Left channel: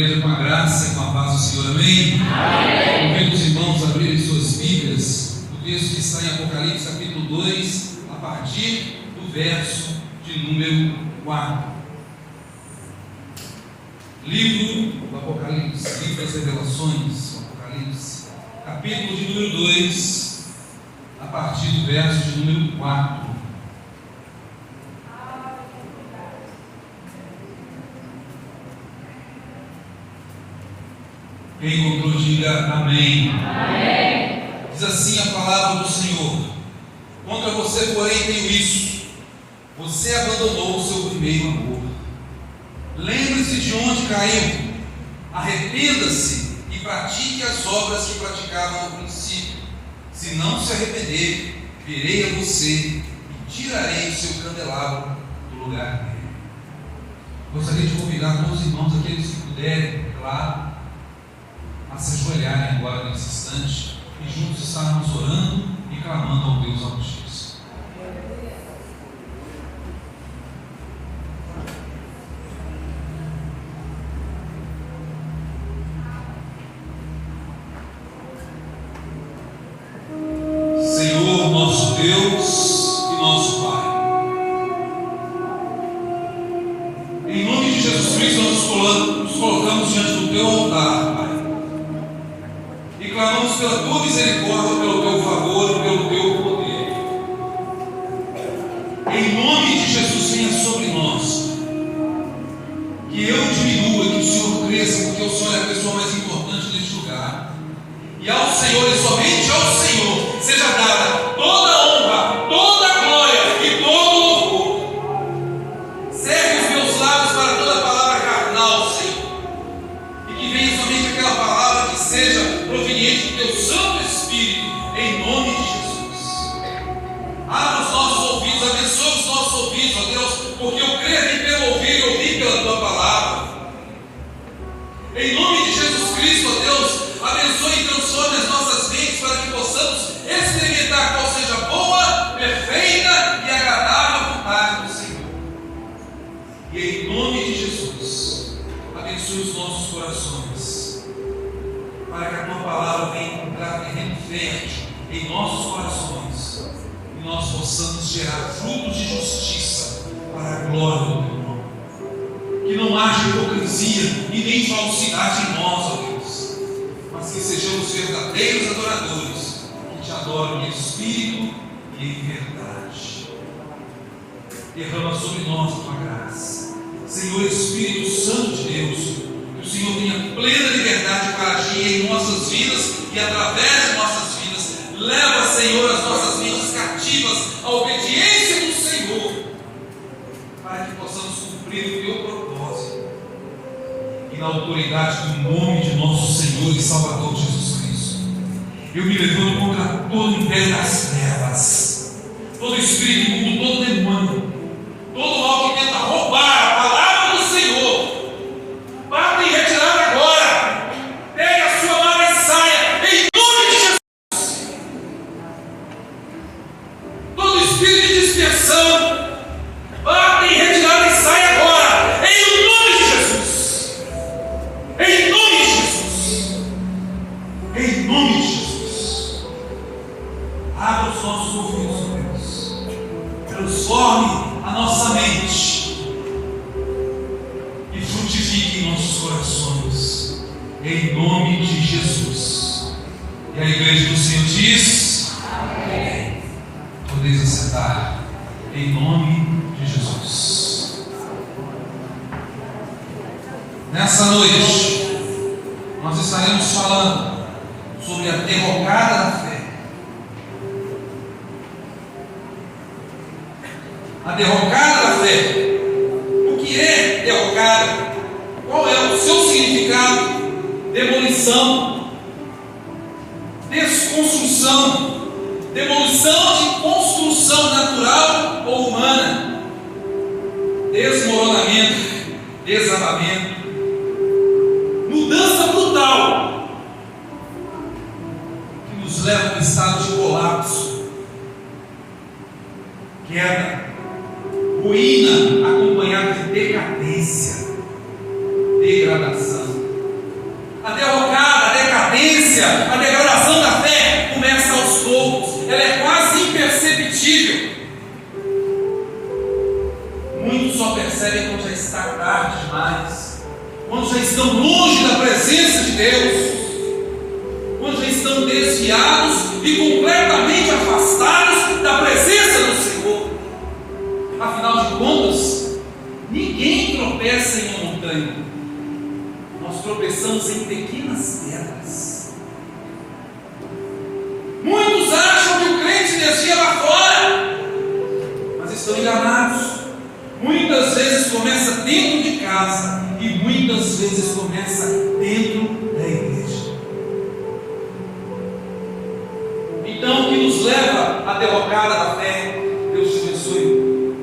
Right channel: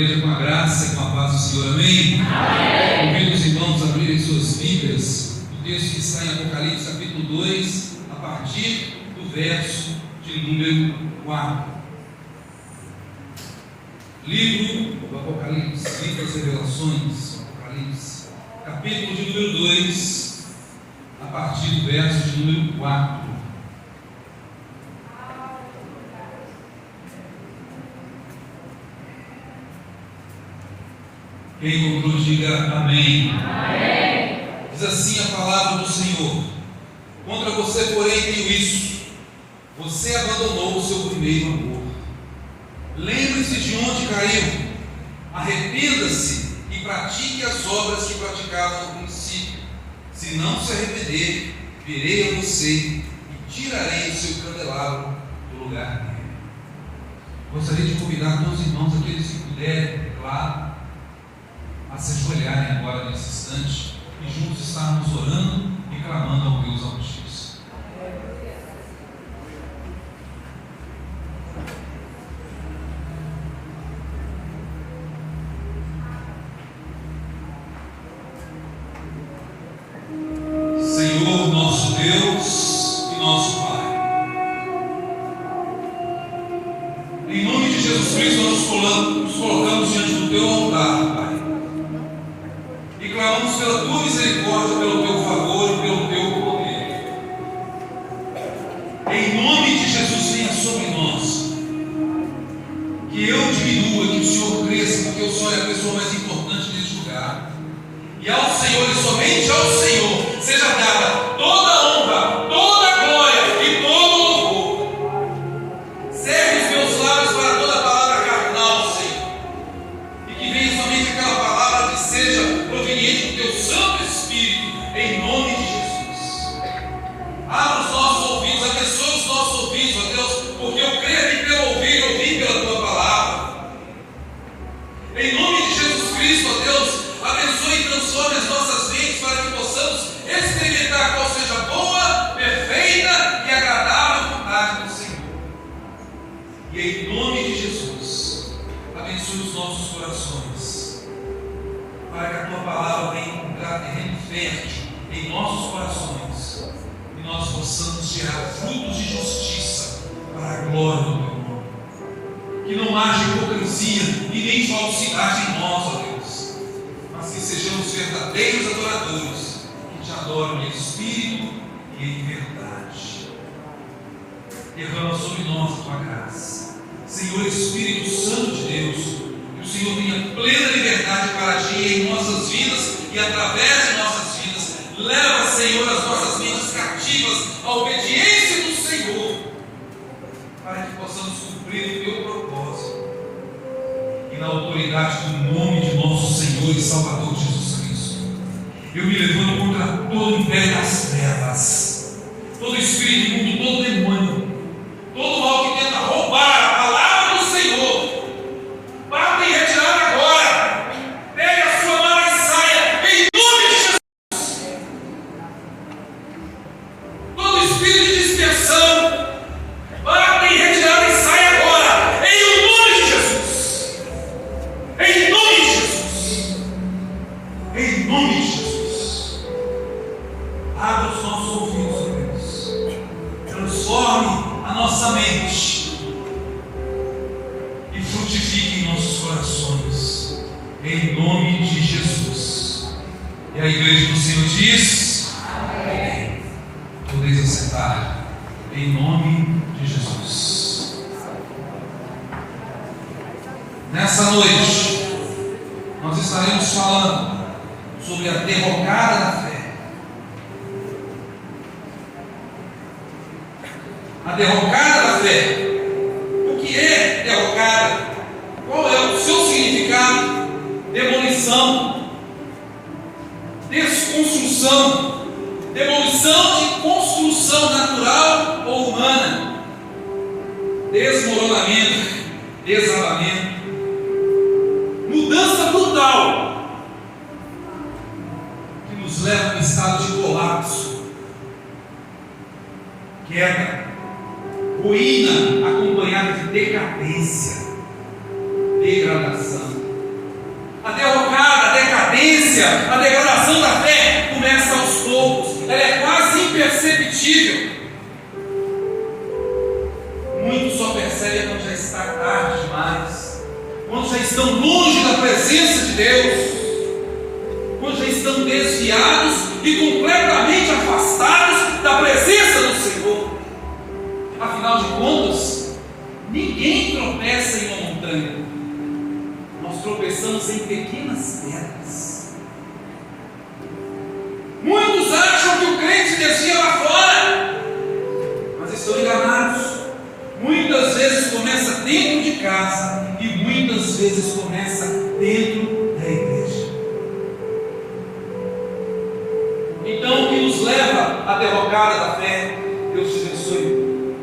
igreja, com a graça e com a paz do Senhor, amém? Convido os irmãos a abrirem suas Bíblias, o texto que está em Apocalipse capítulo 2, a partir do verso de número 4. Livro do Apocalipse, livro das Revelações, Apocalipse, capítulo de número 2, a partir do verso de número 4. Quem encontrou, diga amém. Amém. Diz assim a palavra do Senhor: contra você, porém, tenho isso: você abandonou o seu primeiro amor. Lembre-se de onde caiu, arrependa-se e pratique as obras que praticava no princípio. Se não se arrepender, virei a você e tirarei o seu candelabro do lugar dele. Gostaria de convidar todos os irmãos, aqueles que puderem, claro, a se ajoelharem agora nesse instante e juntos estarmos orando e clamando ao Deus Altíssimo. Senhor, nosso Deus e nosso Pai, em nome de Jesus Cristo, nós nos colocamos diante do Teu altar, Pai, e clamamos pela Tua misericórdia, pelo Teu favor e pelo Teu poder. Em nome de Jesus, venha sobre nós, que eu diminua, que o Senhor cresça, porque o Senhor é a pessoa mais importante neste lugar, e ao Senhor e somente ao Senhor seja dada toda a honra, toda a glória e todo o louvor. Serve os meus lábios para toda palavra carnal, Senhor, e que venha somente aquela palavra que seja proveniente do Teu Santo Espírito, em nome de Jesus. Abra os nossos ouvidos, abençoa os nossos ouvidos, ó Deus, porque eu creio em pelo ouvir pela Tua palavra. Em nome de Jesus Cristo, ó Deus, abençoe e transforme as nossas mentes para que possamos experimentar qual seja a boa, perfeita e agradável vontade do Senhor. E em nome de Jesus, abençoe os nossos corações, para que a Tua palavra venha encontrar terreno fértil em nossos corações, e nós possamos gerar frutos de justiça para a glória do Teu nome. Que não haja hipocrisia e nem falsidade em nós, ó Deus, mas que sejamos verdadeiros adoradores, que Te adoram em espírito e em verdade. Derrama sobre nós a Tua graça, Senhor Espírito Santo de Deus, que o Senhor tenha plena liberdade para agir em nossas vidas e através de nossas vidas. Leva, Senhor, as nossas vidas cativas à obediência do Senhor, para que possamos cumprir o Teu propósito, e na autoridade do nome de nosso Senhor e Salvador Jesus Cristo, eu me levanto contra todo o império das trevas, todo espírito imundo, todo demônio, todo mal que tenta roubar a palavra do Senhor. Bata em retirada agora. Pegue a sua mão e saia, em nome de Jesus. Todo espírito de dispersão, bata em retirada e saia agora, em nome de Jesus. Em nome de Jesus. Em nome de Jesus. Abra os nossos ouvidos, Deus. Transforme a nossa mente e frutifique em nossos corações, em nome de Jesus. E a igreja do Senhor diz: amém. Podeis assentar, em nome de Jesus. Nessa noite, nós estaremos falando sobre a derrocada da fé. A derrocada da fé. O que é derrocada? Qual é o seu significado? Demolição, desconstrução, demolição de construção natural ou humana, desmoronamento, desabamento, mudança brutal, que nos leva a um estado de colapso, queda, ruína acompanhada de decadência, degradação. Muitos só percebem quando já está tarde demais, quando já estão longe da presença de Deus, quando já estão desviados e completamente afastados da presença do Senhor. Afinal de contas, ninguém tropeça em uma montanha, nós tropeçamos em pequenas pedras. Muitos acham que o crente desvia lá fora, mas estão enganados. Muitas vezes começa dentro de casa e muitas vezes começa dentro da igreja. Então, o que nos leva à derrocada da fé? Deus te abençoe.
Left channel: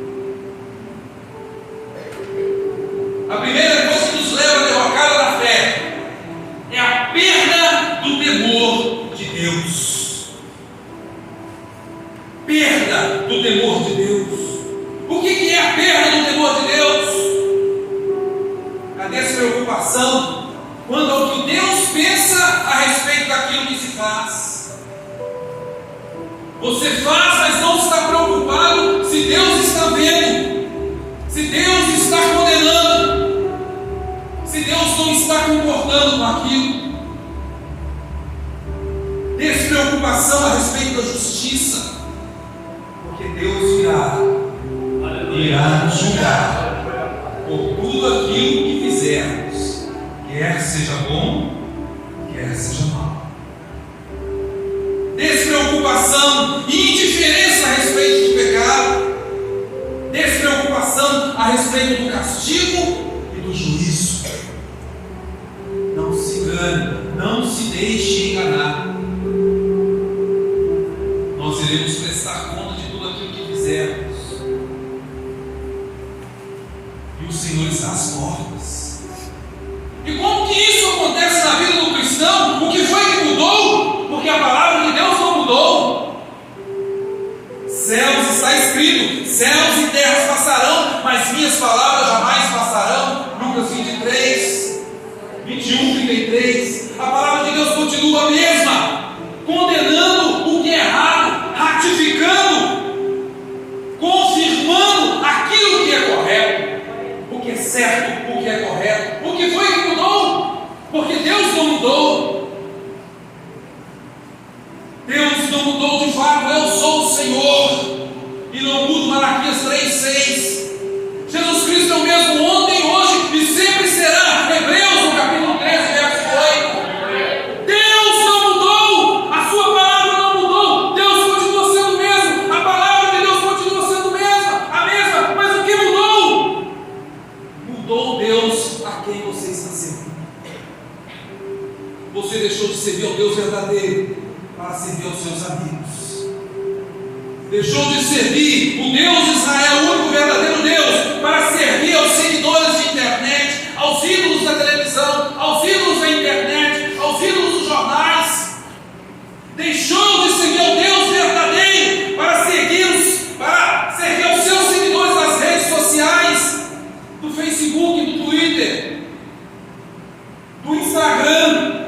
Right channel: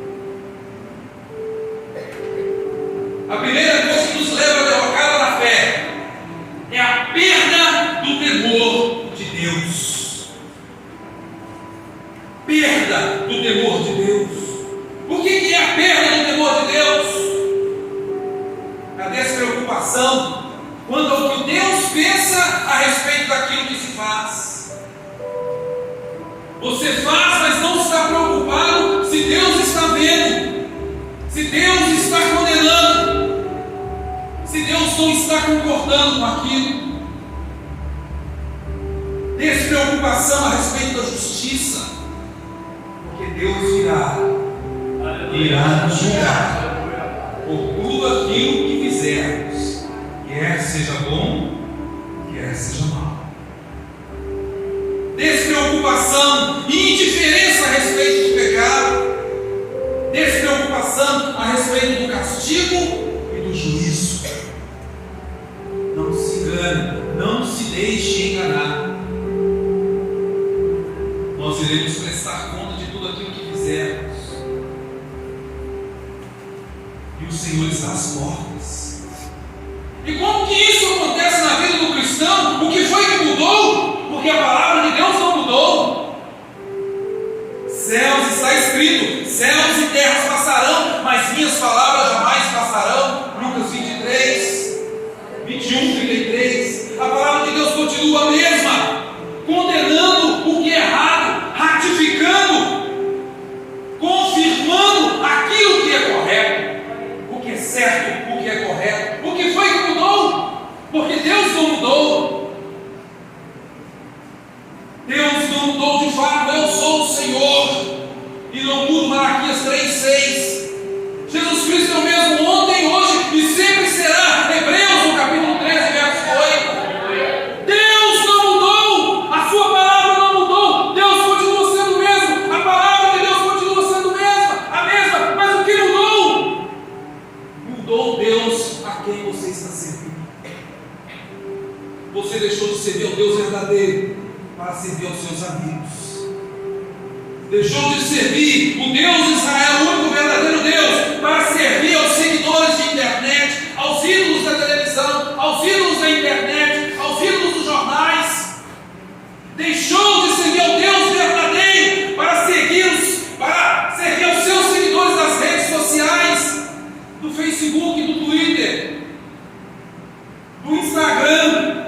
A primeira coisa que nos leva à derrocada da fé é a perda do temor de Deus. Perda do temor de Deus. O que é a perda do temor de Deus? A despreocupação quando o que Deus pensa a respeito daquilo que se faz. Você faz, mas não está preocupado se Deus está vendo, se Deus está condenando, se Deus não está concordando com aquilo. Despreocupação a respeito da justiça, porque Deus irá julgar por tudo aquilo que fizermos, quer seja bom, quer seja mal. Despreocupação e indiferença a respeito do pecado, despreocupação a respeito do castigo e do juízo. Não se engane, não se deixe enganar. Nós iremos prestar conta de tudo aquilo que fizermos. E o Senhor está às portas. E como que isso acontece na vida do cristão? O que foi que mudou? Porque a palavra de Deus não mudou. Céus, está escrito: céus e terras passarão, mas minhas palavras jamais passarão. Lucas 23, 21, 33. A palavra de Deus continua a mesma, condenando o que é errado, ratificando, confirmando aquilo que é correto, o que é certo, o que é correto. O que foi que mudou? Porque Deus não mudou. Deus não mudou de fato. Eu sou o Senhor e não mudo. Malaquias 3:6. Jesus Cristo é o mesmo ontem, hoje e sempre será. Hebreus, no capítulo 13, verso 8. Deus não mudou. A sua palavra não mudou. Deus continua sendo o mesmo. A palavra de Deus continua sendo a mesma. Mas o que mudou? Mudou Deus a quem você está servindo. Você deixou de servir ao Deus verdadeiro para servir aos seus amigos. Deixou de servir o Deus de Israel, o único verdadeiro Deus, para servir aos seguidores de internet, aos ídolos da televisão, aos ídolos da internet, aos ídolos dos jornais. Deixou de servir ao Deus verdadeiro para servir aos seus seguidores das redes sociais, do Facebook, do Twitter, do Instagram.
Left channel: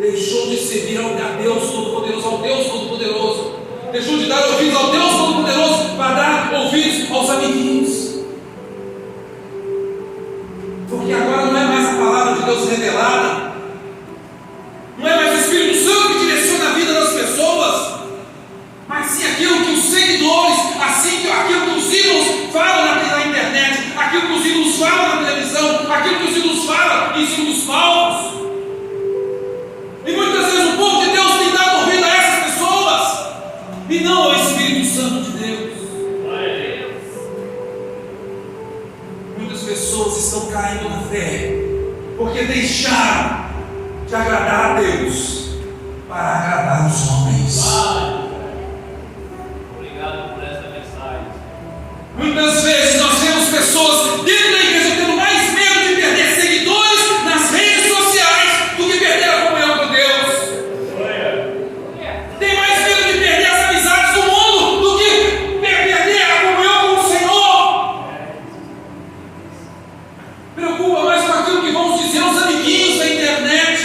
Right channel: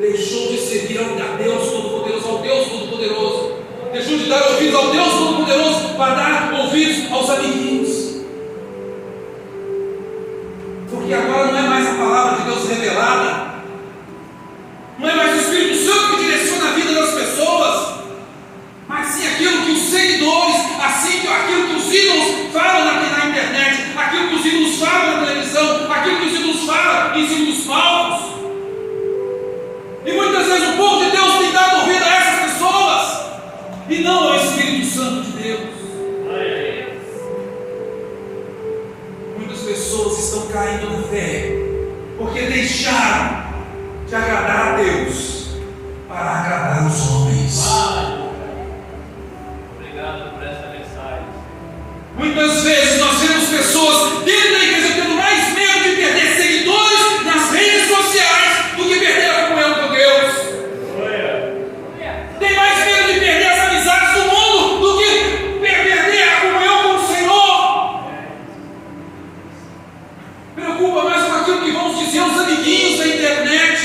Deixou de servir a Deus Todo-Poderoso, deixou de dar ouvidos ao Deus Todo-Poderoso para dar ouvidos aos amiguinhos. Porque agora não é mais a palavra de Deus revelada, não é mais o Espírito Santo que direciona a vida das pessoas, mas sim aquilo que os seguidores, aquilo que os ídolos falam na internet, aquilo que os ídolos falam na televisão, aquilo que os ídolos falam em cima dos palcos. E muitas vezes o povo de Deus tem dado ouvido a essas pessoas e não ao Espírito Santo de Deus. Muitas pessoas estão caindo na fé porque deixaram de agradar a Deus para agradar os homens. Obrigado por essa mensagem. Muitas vezes nós vemos pessoas dentro da igreja tendo mais medo de perder seguidores nas redes sociais do que perder a comunhão com Deus. Tem mais medo de perder as amizades do mundo do que perder a comunhão com o Senhor. Preocupa mais com aquilo que vão dizer os amiguinhos da internet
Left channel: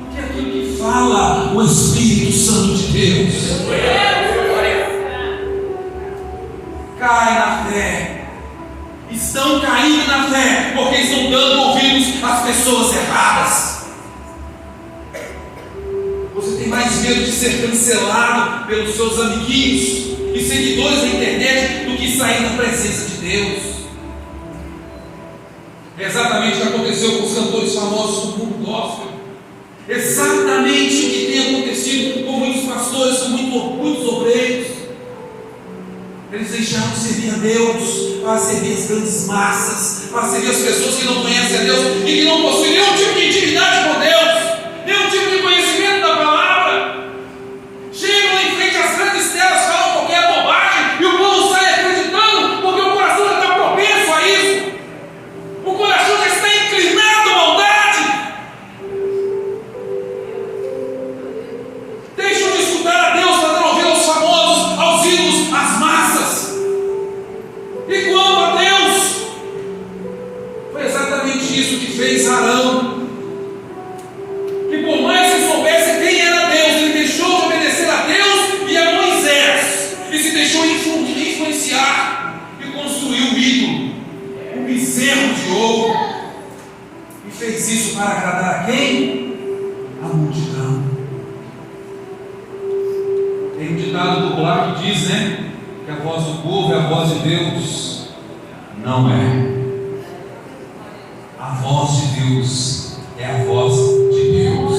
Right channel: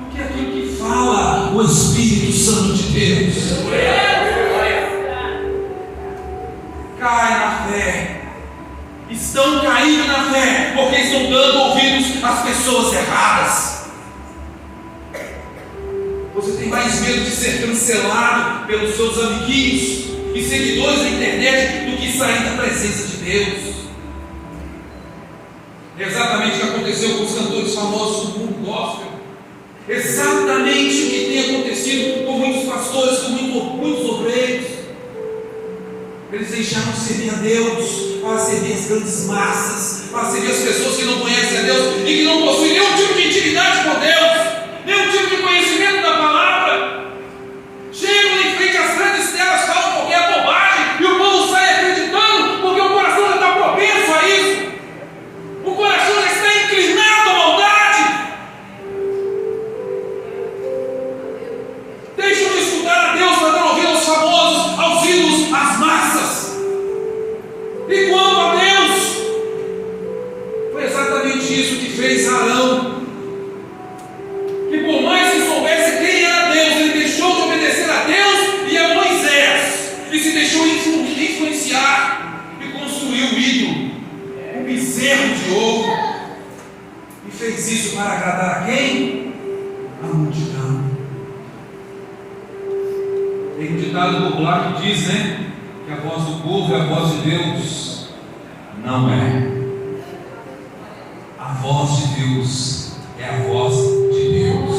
do que aquilo que fala o Espírito Santo de Deus. não é, porque estão dando ouvidos às pessoas erradas. Você tem mais medo de ser cancelado pelos seus amiguinhos e seguidores da internet do que sair da presença de Deus. É exatamente o que aconteceu com os cantores famosos do mundo gospel. Exatamente o que tem acontecido com muitos pastores, com muitos obreiros. Eles deixaram de servir a Deus para servir as grandes massas, para servir as pessoas que não conhecem a Deus e que não possuem nenhum tipo de intimidade com Deus, nenhum tipo de conhecimento da palavra. Chegam em frente às grandes telas, falam qualquer bobagem e o povo sai acreditando porque o coração já está propenso a isso. O coração já está inclinado à maldade. Deixam de escutar a Deus para dar ouvido aos famosos, aos ídolos, às massas. E quanto a Deus, foi exatamente isso que fez Arão. Que por mais que soubesse quem era Deus, ele deixou de obedecer a Deus e a Moisés, e se deixou influenciar e construiu um ídolo, um bezerro de ouro, e fez isso para agradar a quem? A multidão. Tem um ditado popular que diz, né, que a voz do povo é a voz de Deus. Não é. A voz de Deus é a voz de Deus.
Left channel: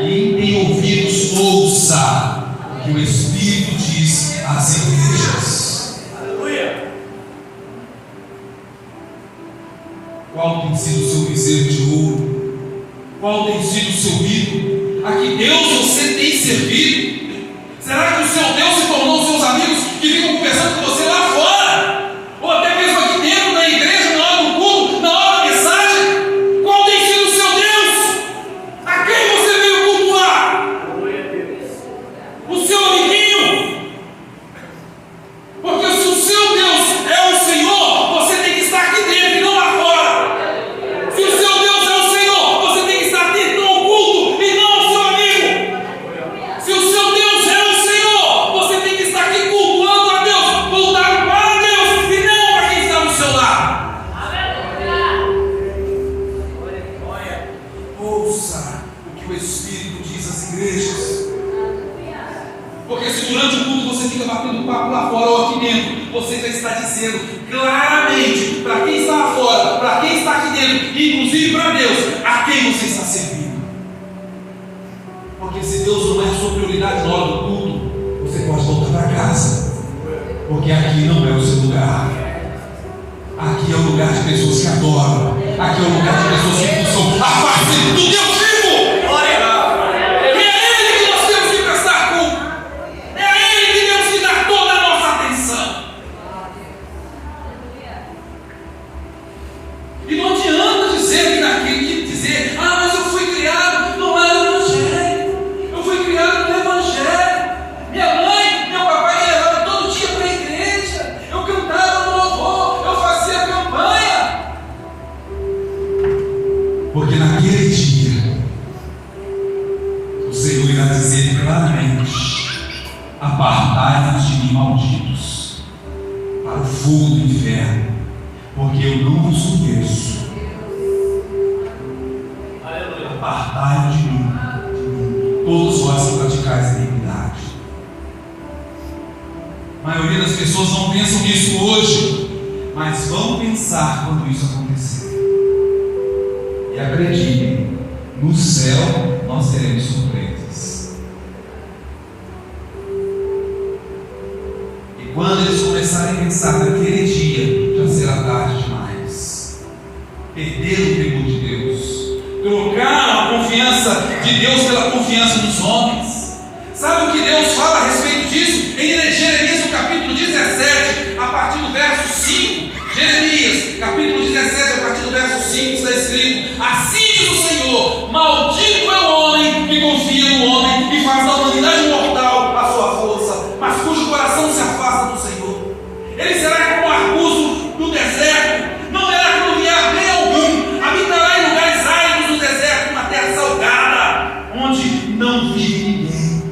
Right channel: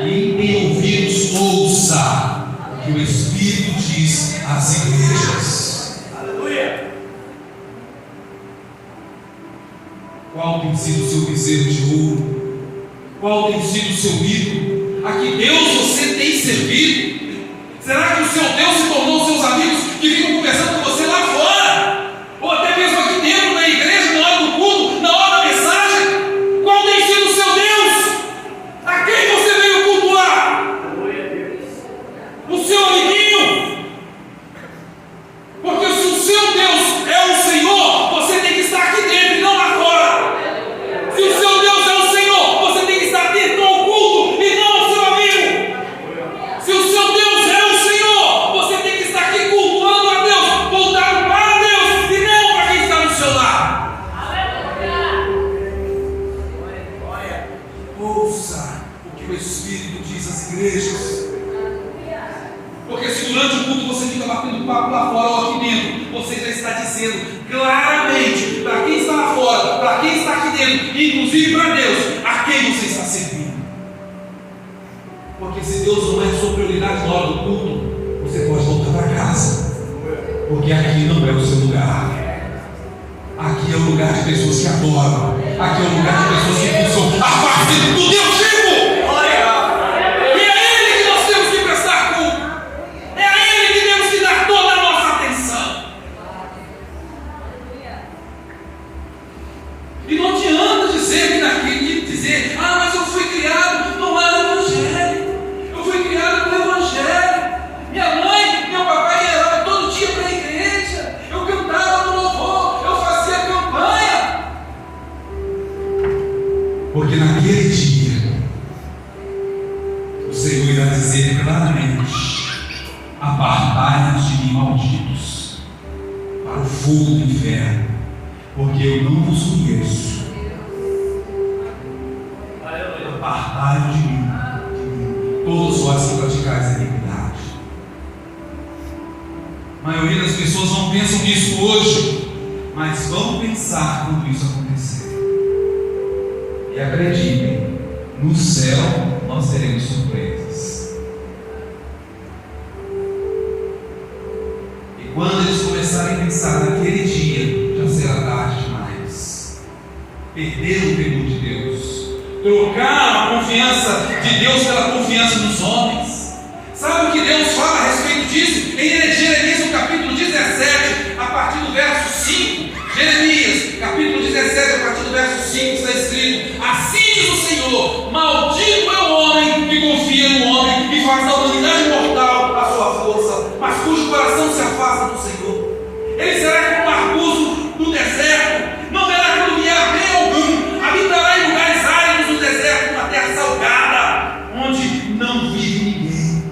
Quem tem ouvidos, ouça o que o Espírito diz às igrejas. Qual tem sido o seu bezerro de ouro? Qual tem sido o seu ídolo? A que Deus você tem servido? Será que o seu Deus se tornou seus amigos que ficam conversando com você lá fora? Ou até mesmo aqui dentro da igreja, na hora do culto, na hora da mensagem? Qual tem sido o seu Deus? A quem você veio cultuar? O seu amiguinho? Porque se o seu Deus é o Senhor, você tem que estar aqui dentro e não lá fora. Se o seu Deus é o Senhor, você tem que estar dentro do culto e não o seu amigo. Se o seu Deus é o Senhor, você tem que estar aqui cultuando a Deus, voltado para Deus e não para quem está no seu lado. Ouça o que o Espírito diz às igrejas. Porque se durante o culto você fica batendo papo lá fora ou aqui dentro, você já está dizendo claramente para quem está lá fora, para quem está aqui dentro, e inclusive para Deus, a quem você está servindo. Porque se Deus não é a sua prioridade na hora do culto, você pode voltar para casa. Porque aqui não é o seu lugar. Aqui é o lugar de pessoas que adoram. Aqui é o lugar de pessoas que buscam a parte do Deus vivo. E é a Ele que nós temos que prestar culto. É a Ele que temos que dar toda a nossa atenção. E não adianta dizer mas eu fui criado no lar do Evangelho. Eu fui criado no Evangelho. Minha mãe, meu papai me levava todo dia para a igreja. Eu cantava no louvor, eu fazia campanha. Porque naquele dia o Senhor irá dizer claramente: apartai-vos de mim, malditos, para o fogo do inferno, porque eu não vos conheço. Apartai-vos de mim, todos vós que praticais a iniquidade. A maioria das pessoas não pensam nisso hoje, mas vão pensar quando isso acontecer. E acreditem, no céu nós teremos surpresas. E quando eles começarem a pensar naquele dia, já será tarde demais. Perderam o temor de Deus. Trocaram a confiança de Deus pela confiança dos homens. Sabe o que Deus fala a respeito disso? Em Jeremias, no capítulo 17, a partir do verso 5. Jeremias, capítulo 17, a partir do verso 5, está escrito: assim diz o Senhor, maldito é o homem que confia no homem e faz da humanidade mortal a sua força, mas cujo coração se afasta do Senhor. Ele será como um arbusto do deserto, não terá que lugar bem algum, habitará em lugares áridos do deserto, uma terra salgada, onde não vive ninguém.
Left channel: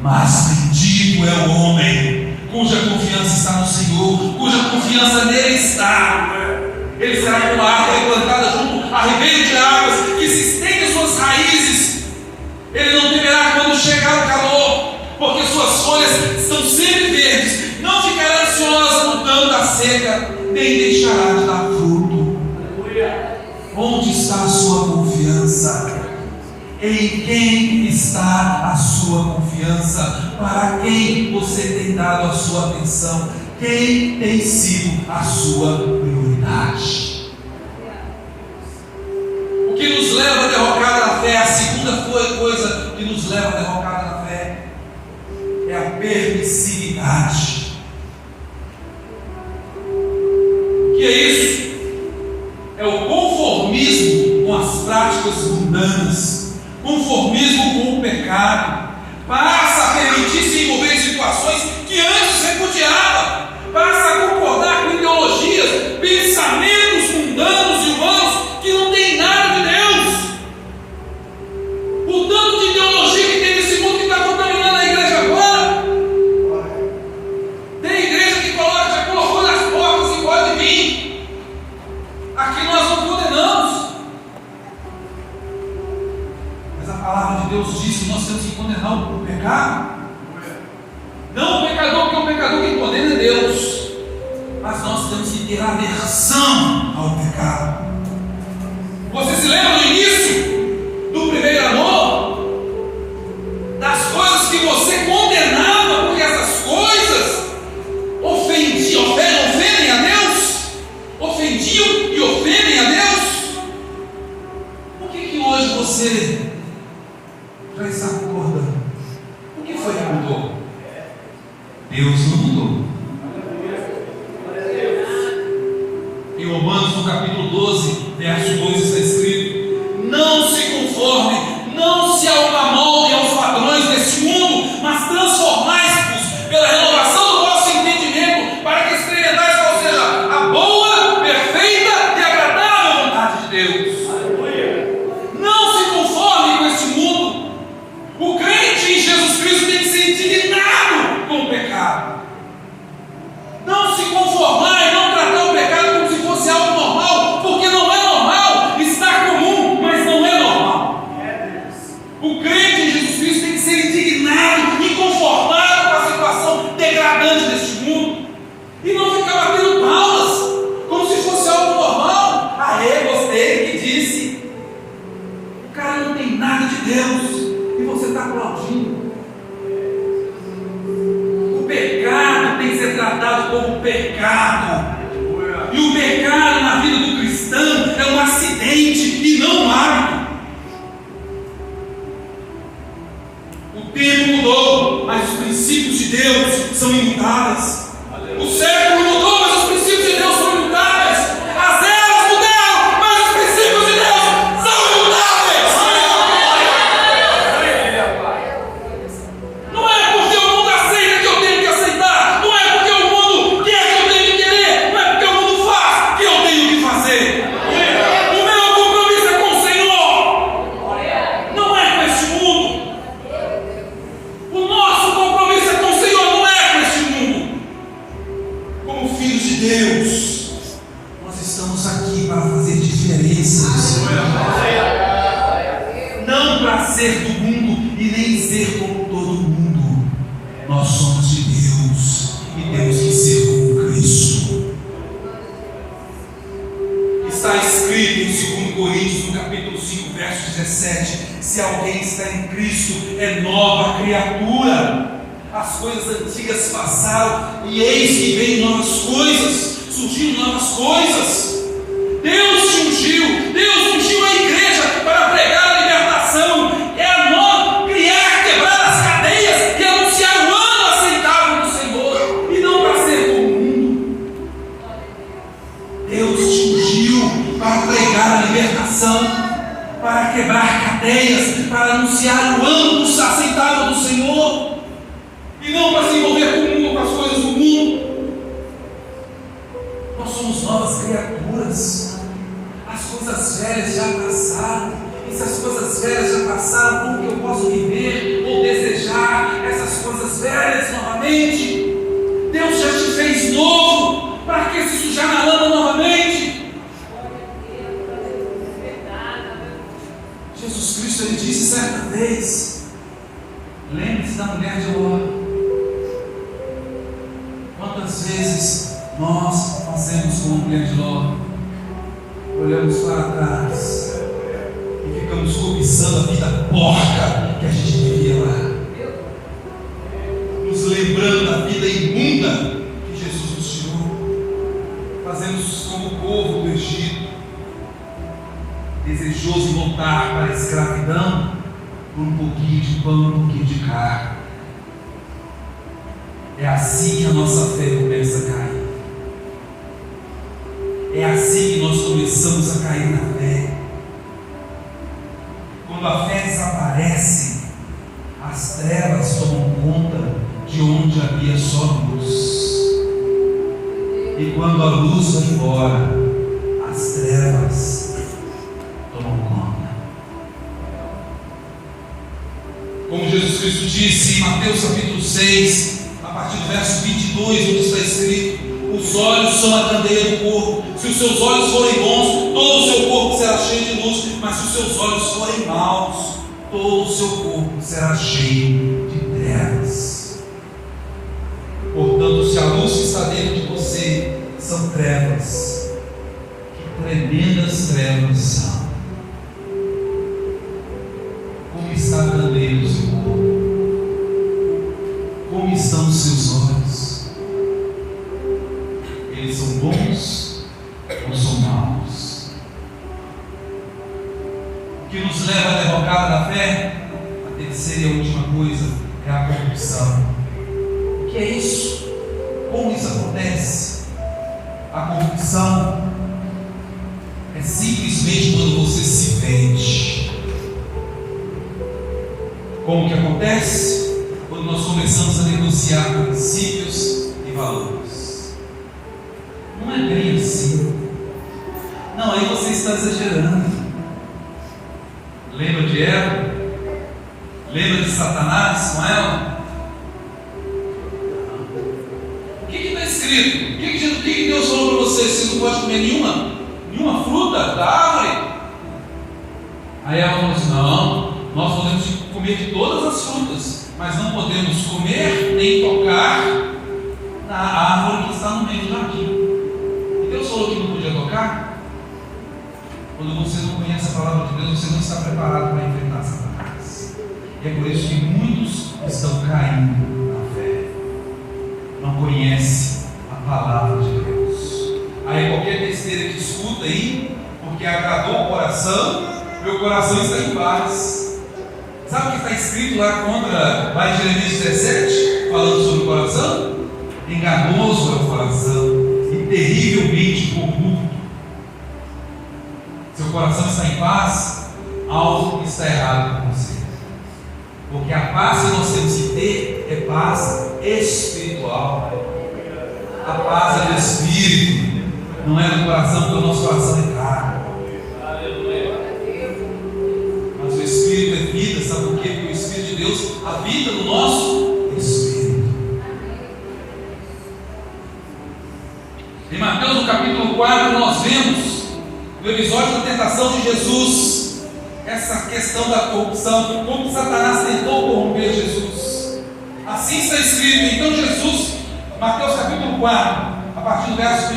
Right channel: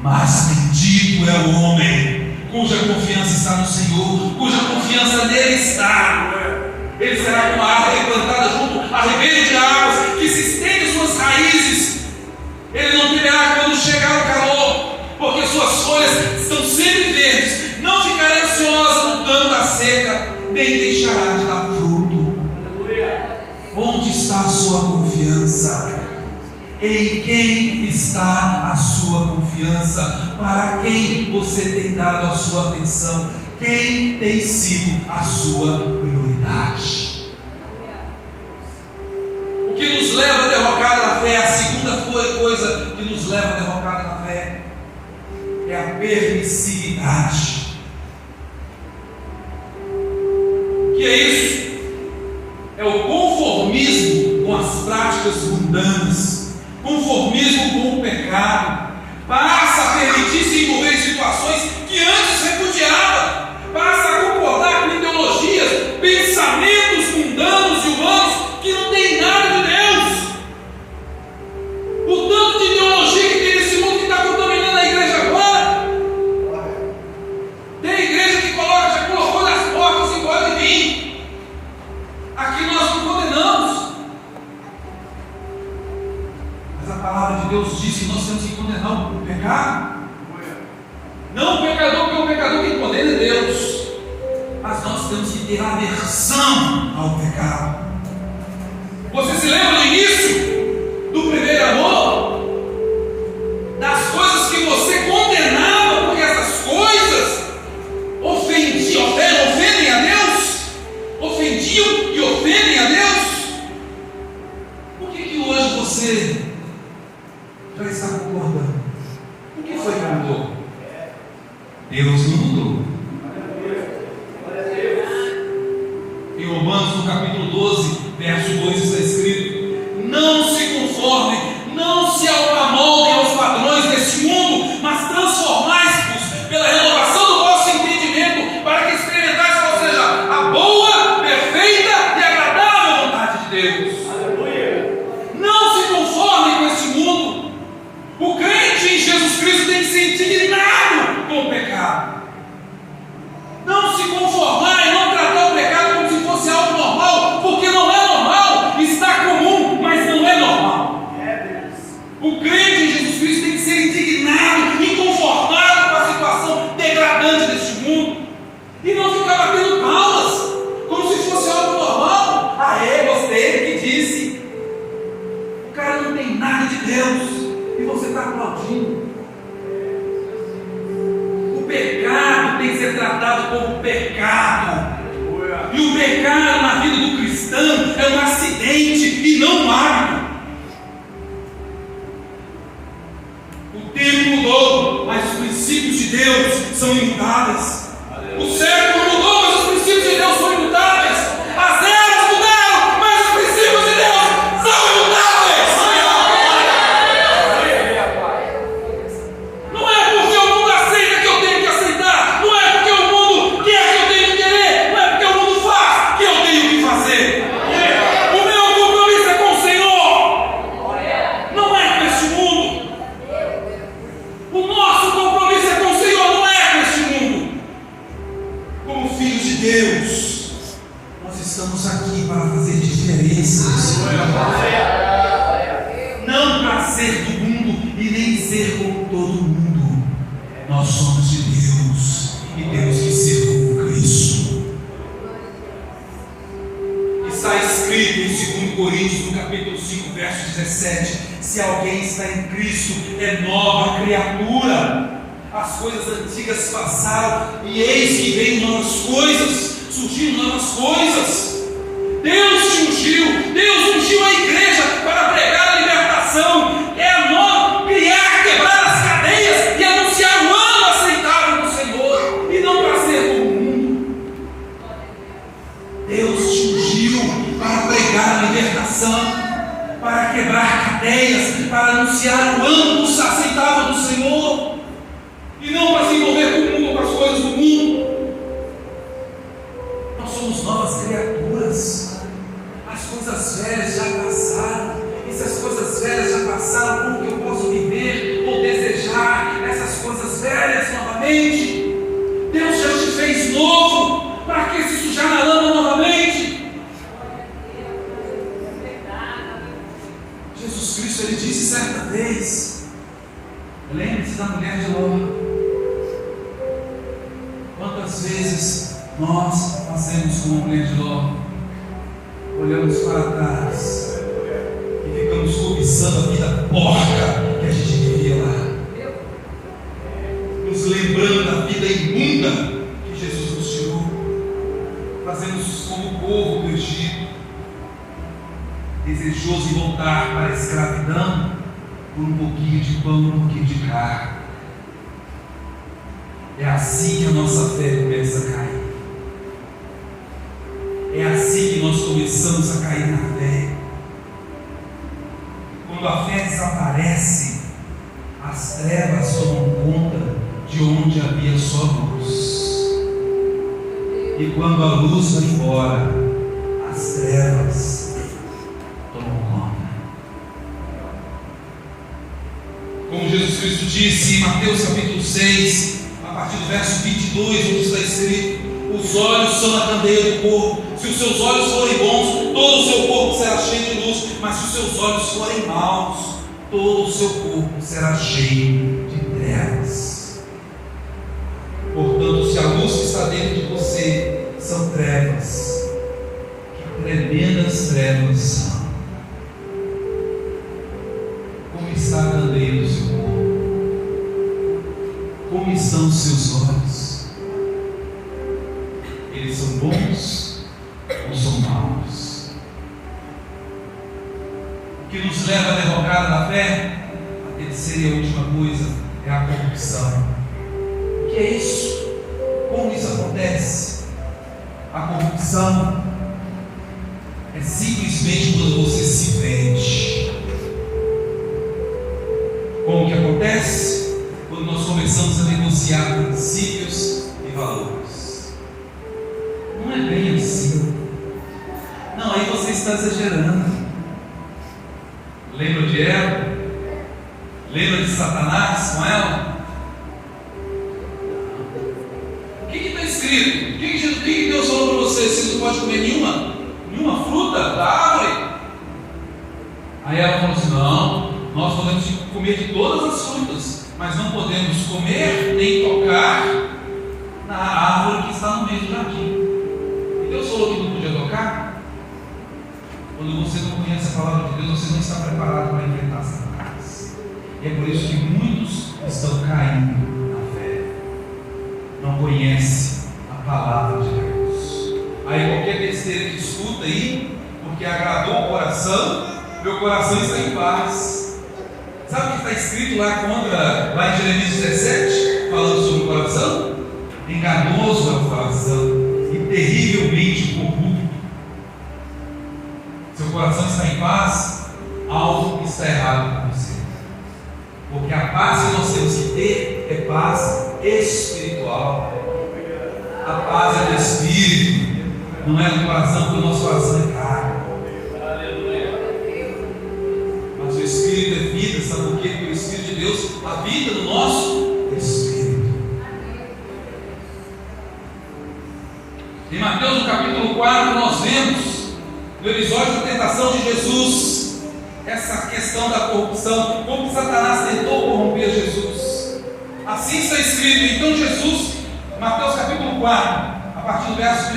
Mas bendito é o homem cuja confiança está no Senhor, cuja confiança nele está. Ele será como a árvore plantada junto a ribeiro de águas, que se estende suas raízes. Ele não temerá quando chegar o calor, porque suas folhas estão sempre verdes. Não ficará ansiosa lutando da seca, nem deixará de dar fruto. Onde está a sua confiança? Em quem está a sua confiança? Para quem você tem dado a sua atenção? Quem tem sido a sua prioridade? O que nos leva a derrocar a fé, a segunda coisa que nos leva a derrocar a fé, é a permissividade. O que é isso? É o conformismo com as práticas mundanas, conformismo com o pecado. Passa a permitir se envolver em situações que antes repudiava, passa a concordar com ideologias, pensamentos mundanos e humanos que não tem nada de Deus. O tanto de ideologia que tem nesse mundo que está contaminando a igreja agora. Tem igreja que já colocou nas portas e pode vir. Aqui nós não condenamos, mas a palavra de Deus diz que nós temos que condenar o pecado. Não o pecador, porque o pecador que condena é Deus, mas nós temos que ter aversão ao pecado. Você se lembra no início do primeiro amor? Das coisas que você condenava, porque essas coisas ofendem a Deus? Ofendiam e ofendem a Deus? Por que hoje você já está concordando? O que foi que mudou? Deus não mudou. Em Romanos, no capítulo 12, verso 2, está escrito: não se conformem, não se amoldem aos padrões deste mundo, mas transformai-vos pela renovação do vosso entendimento, para que experimentais qual seja a boa, perfeita e agradável vontade de Deus. Não se conformem com este mundo. O crente em Jesus Cristo tem que ser indignado com o pecado. Não se conformar e não tratar o pecado como se fosse algo normal, porque não é normal, está comum, mas não é normal. O crente em Jesus Cristo tem que ser indignado, inconformado com a situação degradante deste mundo, e não ficar batendo palmas como se fosse algo normal. Gostei que disse. O cara não tem nada de Deus e você está aplaudindo. O pecado tem que ser tratado como pecado. E o pecado na vida do cristão é um acidente e não um hábito. O tempo mudou, mas os princípios de Deus são imutáveis. O século mudou, mas os princípios de Deus são imutáveis. As eras mudaram, mas os princípios de Deus são imutáveis. Não é porque o mundo aceita que eu tenho que aceitar, não é porque o mundo quer que eu tenho que querer, não é porque o mundo faz que eu tenho que fazer. O meu compromisso é com o Senhor, não é com este mundo. O nosso compromisso é com o Senhor, não é com este mundo. Como filhos de Deus, nós estamos aqui para fazer diferenças, não para ser do mundo e nem ser como todo mundo. Nós somos de Deus e temos que ser como Cristo. Está escrito em 2 Coríntios, no capítulo 5, verso 17: se alguém está em Cristo, é nova criatura. As coisas antigas passaram e eis que vem novas coisas, surgindo novas coisas. Deus ungiu a igreja para pregar a libertação. É a nova, quebrar as cadeias e anunciar o ano aceitável do Senhor, e não para ser como o mundo. Deus te ungiu para pregar a libertação, para quebrar cadeias, para anunciar o ano aceitável do Senhor, e não para se envolver com o mundo, com as coisas do mundo. Nós somos novas criaturas. As coisas velhas já passaram. E se as coisas velhas já passaram, como que eu posso viver ou desejar essas coisas velhas novamente? novo. Para que se sujar na lama novamente? Jesus Cristo, ele disse certa vez, lembre-se da mulher de Ló. Quantas vezes nós fazemos como a mulher de Ló? Olhamos para trás e ficamos cobiçando a vida porca que a gente vivia lá, nos lembrando da vida imunda que Jesus nos tirou. Fazemos como o povo do Egito, desejoso de voltar para a escravidão por um pouquinho de pão, um pouquinho de carne. É assim que a nossa fé começa a cair. É assim que nós começamos a cair na fé. Quando a fé desaparece, as trevas tomam conta de onde havia só luz. E quando a luz vai embora, as trevas tomam conta. Como Jesus Cristo disse em Mateus capítulo 6, a partir do verso 22, onde está escrito: os olhos são a candeia do corpo. Se os seus olhos forem bons, todo o seu corpo será cheio de luz. Mas se os seus olhos forem maus, todo o seu corpo será cheio de trevas. Portanto, se a luz que está dentro de você são trevas, que tremendas trevas são. Como está a candeia do seu corpo? Como estão os seus olhos? Eles são bons ou são maus? O que nos leva à derrocada da fé? A terceira e a última coisa é a corrupção. O que é isso? Como isso acontece? A corrupção é simplesmente quando você se vende. Como que acontece? Quando nós começamos a negociar princípios e valores. Não é bem assim. Não, aí você está exagerando. Lembra de Eva? Lembra de Satanás com ela? O que está escrito? O que Deus falou para você? Você não pode comer nenhuma fruta da árvore? Aí ela falou assim: não, nós podemos comer de todas as frutas, mas não podemos comer nem tocar na árvore que está no meio do jardim. E Deus falou que não podia tocar? Quando você não conhece a palavra de Deus, você não está preparado para enfrentar Satanás. E é por isso que muitos estão caindo na fé. Não conhecem a palavra de Deus. Aí qualquer besteira que escuta aí, porque agradou o coração, meu coração está em paz. Sabe o que está escrito lá em Jeremias 17, falando sobre o coração? Enganoso é o coração e terrivelmente corrupto. Seu coração está em paz, algo está errado com você. Porque a paz que nós temos que ter é paz espiritual. A paz é do Espírito, não é do coração, porque o nosso coração é carne. Mas o Espírito é vida, sabe por quê? Porque o Espírito de Deus habita no nosso Espírito. Em Mateus no capítulo 4 nós vemos no episódio da tentação de Jesus essa questão da corrupção, como Satanás tentou corromper Jesus. Assim está escrito. Então Jesus, Mateus capítulo 4, a partir do verso 1:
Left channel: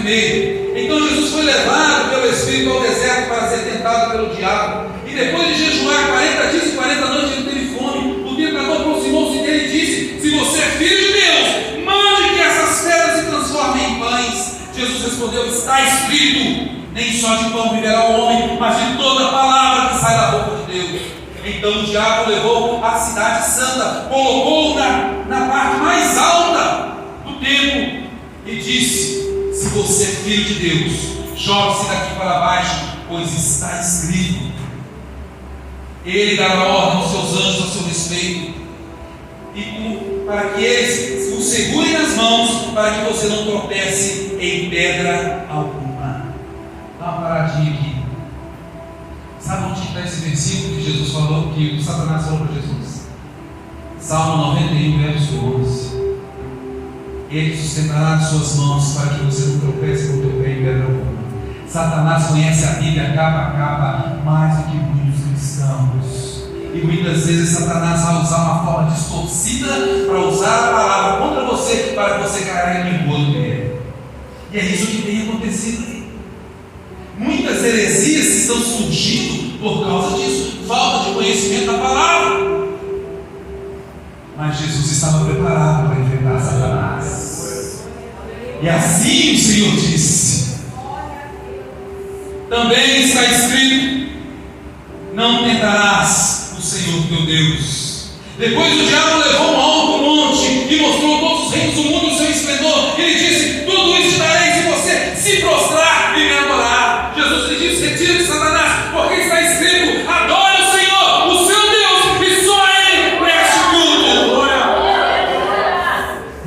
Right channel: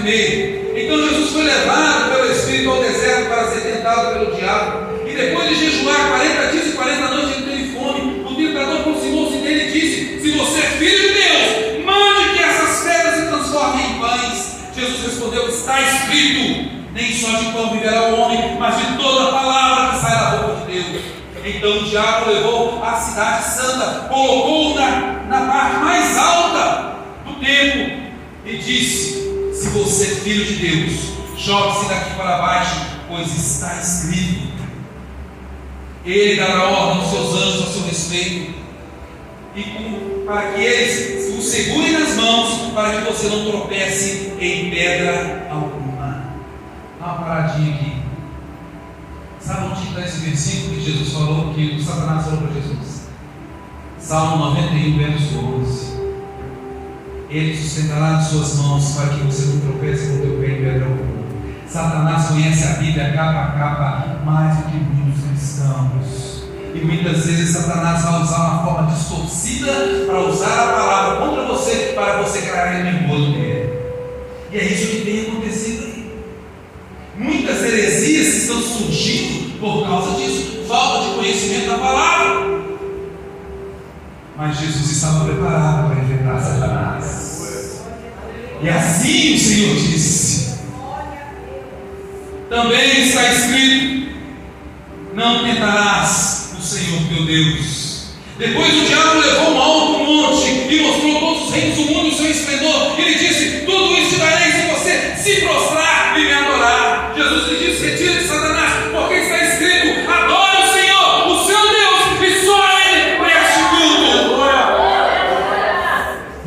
então Jesus foi levado pelo Espírito ao deserto para ser tentado pelo diabo, e depois de jejuar 40 dias e 40 noites ele teve fome. O tentador aproximou-se dele e disse: se você é filho de Deus, mande que essas pedras se transformem em pães. Jesus respondeu: está escrito, nem só de pão viverá o homem, mas de toda palavra que sai da boca de Deus. Então o diabo levou a cidade santa, colocou-o na parte mais alta do templo e disse: se você é filho de Deus, jogue-se daqui para baixo, pois está escrito: ele dará ordem aos seus anjos a seu respeito, para que eles o segurem nas mãos, para que você não tropece em pedra alguma. Dá uma paradinha aqui. Sabe onde está esse versículo que Jesus falou, que o Satanás falou para Jesus? Salmo 91, verso 12. Ele sustentará nas suas mãos para que você não tropece com o teu pé em pedra alguma. Satanás conhece a Bíblia capa a capa mais do que muitos cristãos. E muitas vezes Satanás vai usar uma forma distorcida para usar a palavra contra você, para você cair no engodo dele. E é isso que tem acontecido aí. Muitas heresias estão surgindo por causa disso, falta de conhecimento da palavra. Mas Jesus estava preparado para enfrentar Satanás. E assim o Senhor disse. Também está escrito: não tentarás o Senhor teu Deus. Depois o diabo levou um alto monte e mostrou todos os reinos do mundo o seu esplendor. Ele disse: tudo isso te darei se você se prostrar e me adorar. Jesus lhe disse: retira-te, Satanás, porque está escrito: adore o Senhor, o seu Deus, e só a Ele preste tudo.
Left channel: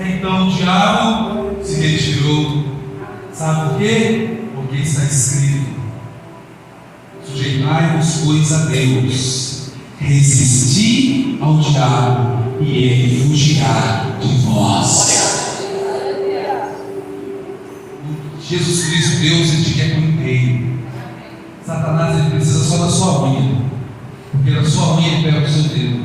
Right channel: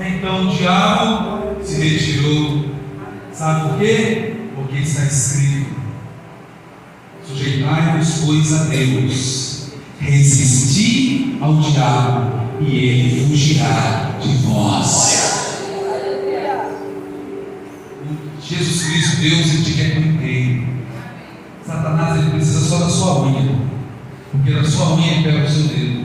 Então o diabo se retirou. Sabe por quê? Porque está escrito: sujeitai-vos, pois, a Deus, resisti ao diabo, e ele fugirá de vós. Jesus Cristo, Deus, ele te quer por inteiro. Satanás, ele precisa só da sua unha, porque da sua unha ele pega o seu dedo,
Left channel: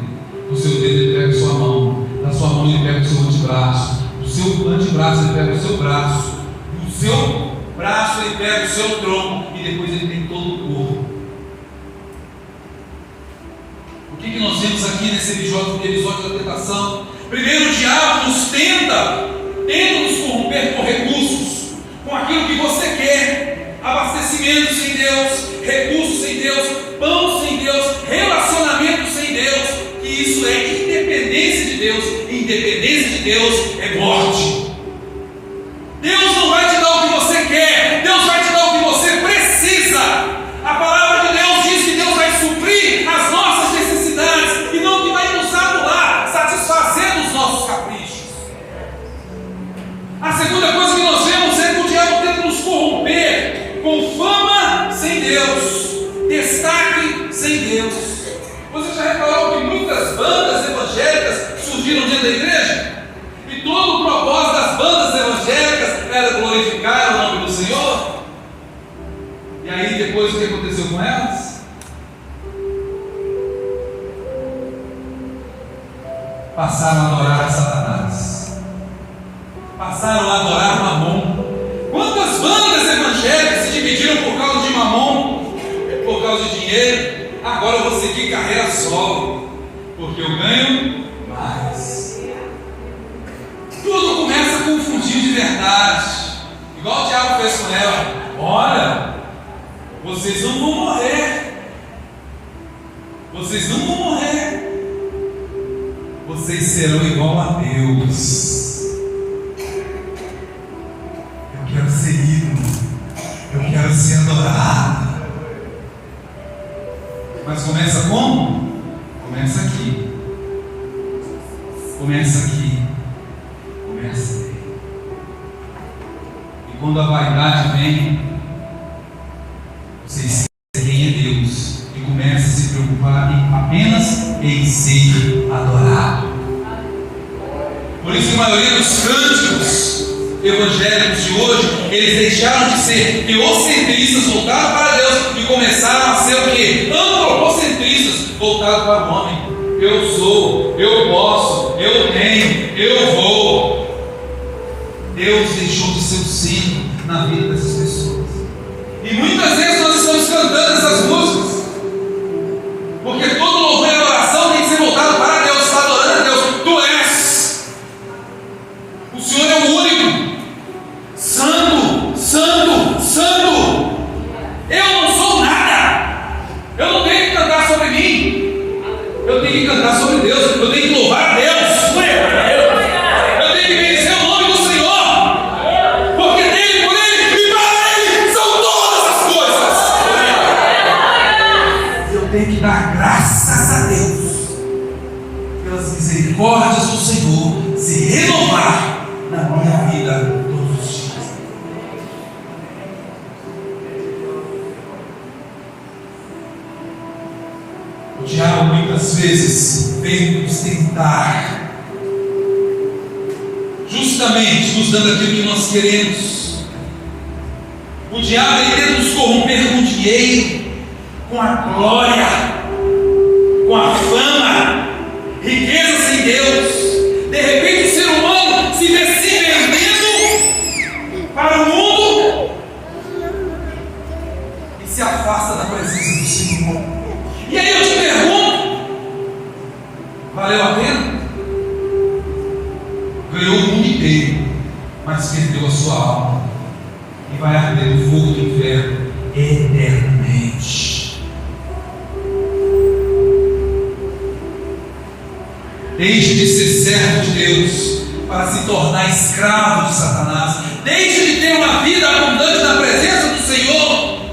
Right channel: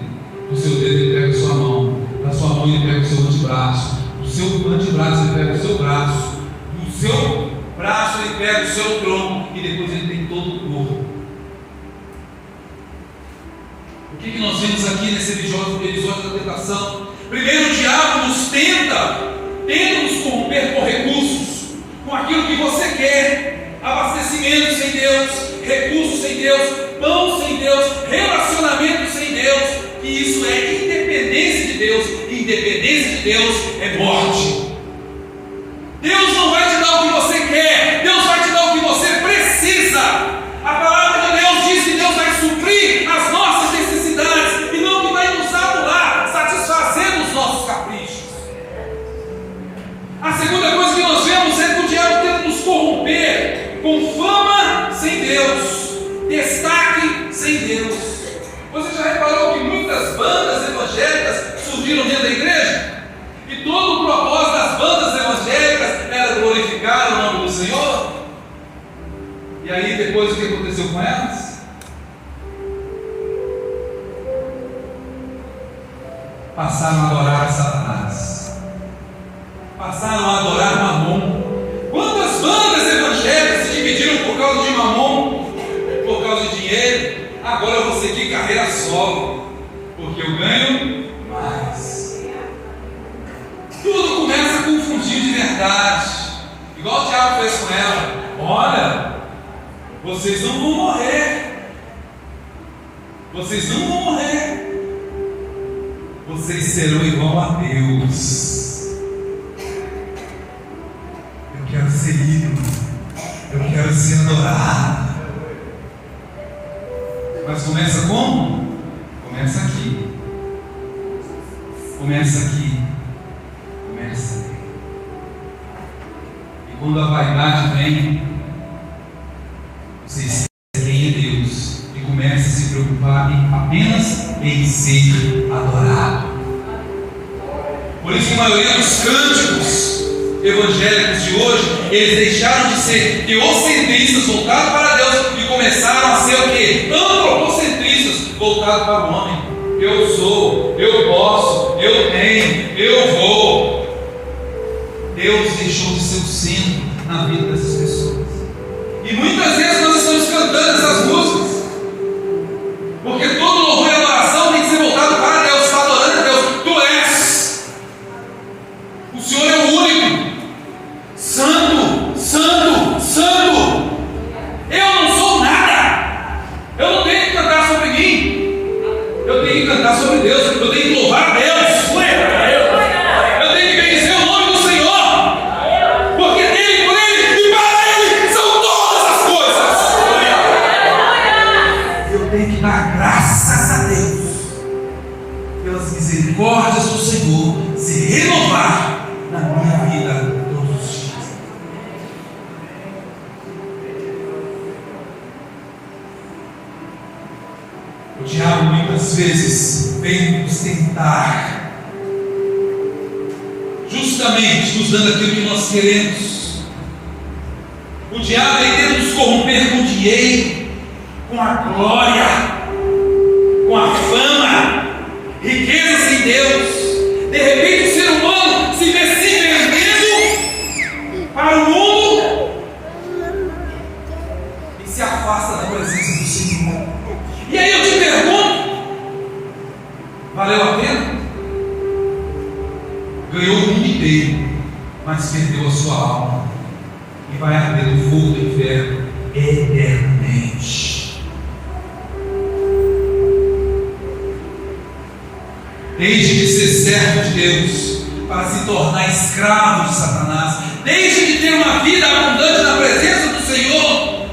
do seu dedo ele pega a sua mão, da sua mão ele pega o seu antebraço, do seu antebraço ele pega o seu braço, do seu braço ele pega o seu tronco, e depois ele tem todo o corpo. O que nós vemos aqui nesse episódio da tentação? Primeiro, o diabo nos tenta nos corromper com recursos, com aquilo que você quer: abastecimento sem Deus, recursos sem Deus, pão sem Deus, relacionamento sem Deus. Que isso é independência de Deus. Independência de Deus é morte. Deus não vai te dar o que você quer, Deus vai te dar o que você precisa. A palavra de Deus diz que Deus vai suprir as nossas necessidades e não que vai nos anular, satisfazendo os nossos caprichos. A segunda coisa que nós vemos é que o diabo tenta nos corromper com fama sem Deus, destaque sem Deus. Você já reparou que muitas bandas evangélicas surgiram dentro da igreja? E todo o propósito das bandas evangélicas era glorificar o nome do Senhor. E aí depois o que aconteceu com elas? Passaram a adorar a Satanás, passaram a adorar Mamon. Quantas bandas evangélicas se dividiram por causa de Mamon, por causa de dinheiro? Agora eu vou seguir carreira solo, porque eu ganho mais. Tudo começa a confundir de verdade, igual o diabo fez com ela. Olha, vocês não vão morrer, vocês não vão morrer, vocês serão igual a Deus. Eu quero ser ídolo, eu quero ser adorado. Mas começa como? Começa aqui. Começa aqui. Começa aqui. E quando a vaidade vem, você esquece quem é Deus e começa a se preocupar apenas em ser adorado. Por isso que a maioria dos cânticos evangélicos de hoje, eles deixaram de ser teocentristas, voltados para Deus, e começaram a ser o quê? Antropocentristas, voltados para o homem. Eu sou, eu posso, eu tenho, eu vou. Deus deixou de ser o centro na vida dessas pessoas. E muitas vezes nós estamos cantando essas músicas, porque todo louvor e adoração tem que ser voltado para Deus. Está adorando a Deus. Tu és, o Senhor é o único, santo, santo, santo. Eu não sou nada, eu não tenho que cantar sobre mim, eu tenho que cantar sobre Deus, eu tenho que louvar a Deus, eu tenho que bendizer o nome do Senhor, porque nos dando aquilo que nós queremos. O diabo ele tenta nos corromper com o dinheiro, com a glória, com a fama, riquezas em Deus. De repente o ser humano se vê se vendendo para o mundo e se afasta da presença do Senhor. E aí eu te pergunto, valeu a pena? Ganhou o mundo inteiro, mas perdeu a sua alma e vai arder no fogo do inferno eternamente. Deixe de ser servo de Deus para se tornar escravo de Satanás. Deixe de ter uma vida abundante na presença do Senhor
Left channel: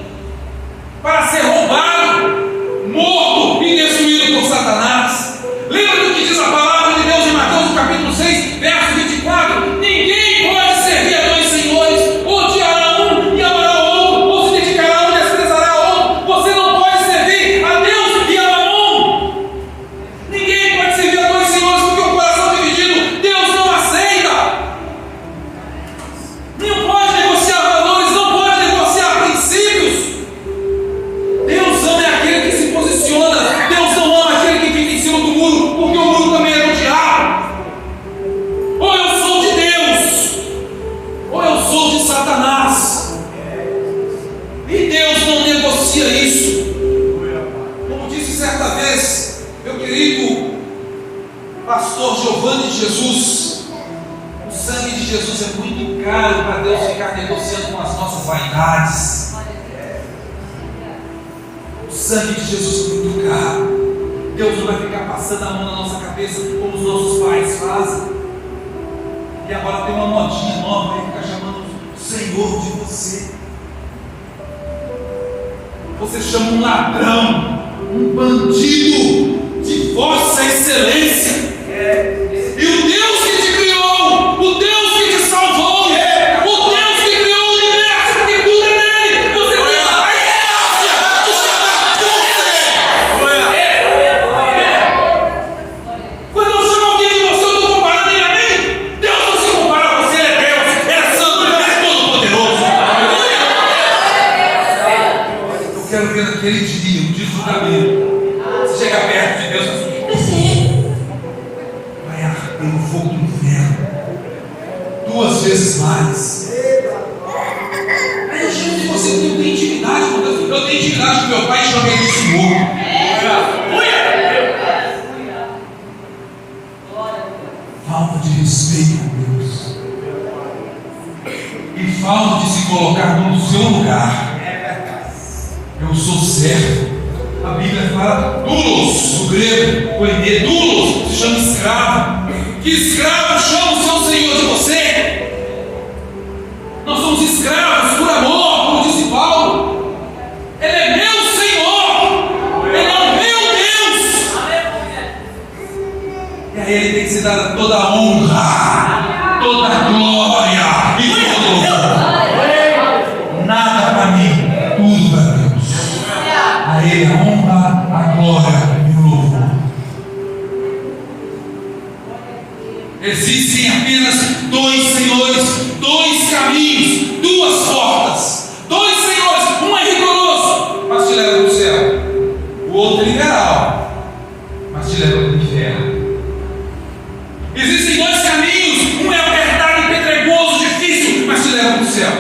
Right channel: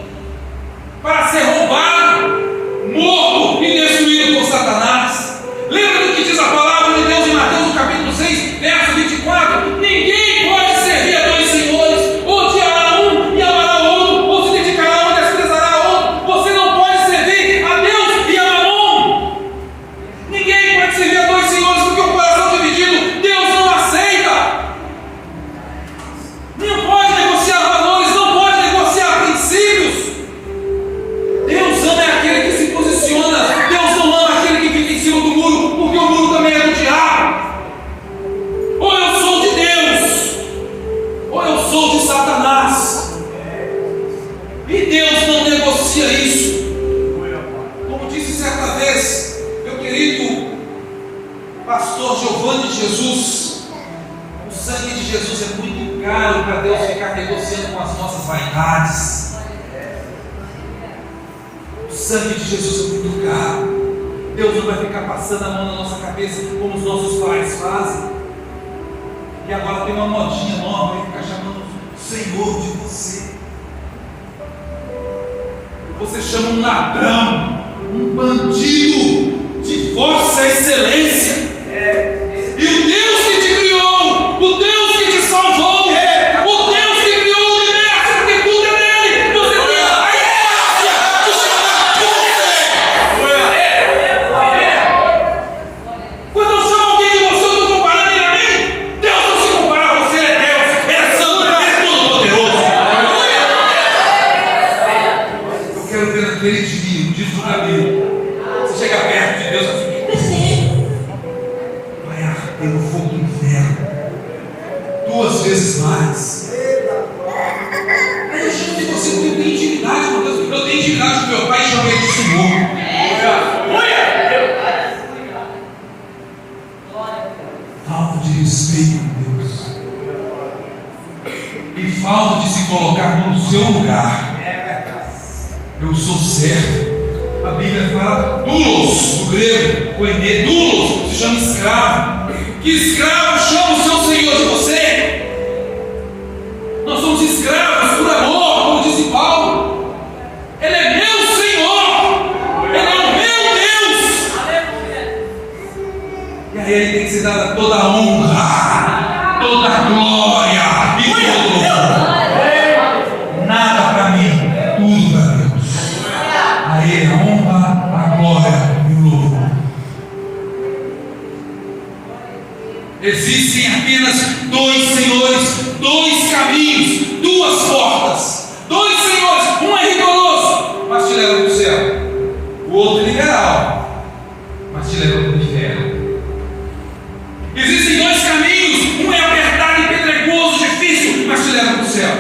para ser roubado, morto e destruído por Satanás. Lembra do que diz a palavra de Deus em Mateus capítulo 6, verso 24? Ninguém pode servir a dois senhores, ou odiará um e amará outro, ou se dedicará um e desprezará outro. Você não pode servir a Deus e a Mamon. Ninguém pode servir a dois senhores, porque o coração dividido Deus não aceita. Não pode negociar valores, não pode negociar princípios. Deus ama aquele que se posiciona. Deus não ama aquele que fica em cima do muro, porque o muro também é do diabo. Ou eu sou de Deus, ou eu sou de Satanás. E Deus não negocia isso. Como disse certa vez meu querido pastor Giovanni de Jesus, o sangue de Jesus é muito caro para Deus ficar negociando com as nossas vaidades. O sangue de Jesus é muito caro. Deus não vai ficar passando a mão na nossa cabeça como os nossos pais fazem. E agora tem uma modinha nova, ele fica chamando o Senhor de você. Você chama um ladrão, um bandido de Vossa Excelência. E o Deus que te criou, o Deus que te salvou, o Deus que criou o universo, porque tudo é dele. Você tem a quando eu chamo alguém de você, eu estou comparando ele a mim. Deus não se compara a você, é Deus. Ele é santo, ele é todo-poderoso. Eu quero ver naquele dia, o dia do julgamento. Você chega perto de Deus assim, vai arder no fogo do inferno 2 vezes mais. Aí eu chamo de você porque eu tenho intimidade com Deus. Eu tenho intimidade com meu pai e chamo ele de Senhor. Falta de respeito com Deus e falta de se colocar no seu lugar. Eu sou servo. A Bíblia fala doulos, do grego, koiné, doulos, se chama escravo. Que escravo chama o seu Senhor de você? Nós somos escravos por amor, como disse Paulo. Ele é meu Senhor, Ele é o meu Deus. E a Ele tem que ser dada toda a honra, toda a glória e todo louvor. Nada para mim, tudo para Deus. A Ele a honra, a glória e o louvor. Existem apenas 2 senhores, 2 caminhos, 2 portas. 2 senhores, um é rigoroso, mas te leva para o céu. O outro é liberal, mas te leva para o inferno. Existem 2 caminhos, um é apertado e pedregoso, difícil, mas te leva para o céu.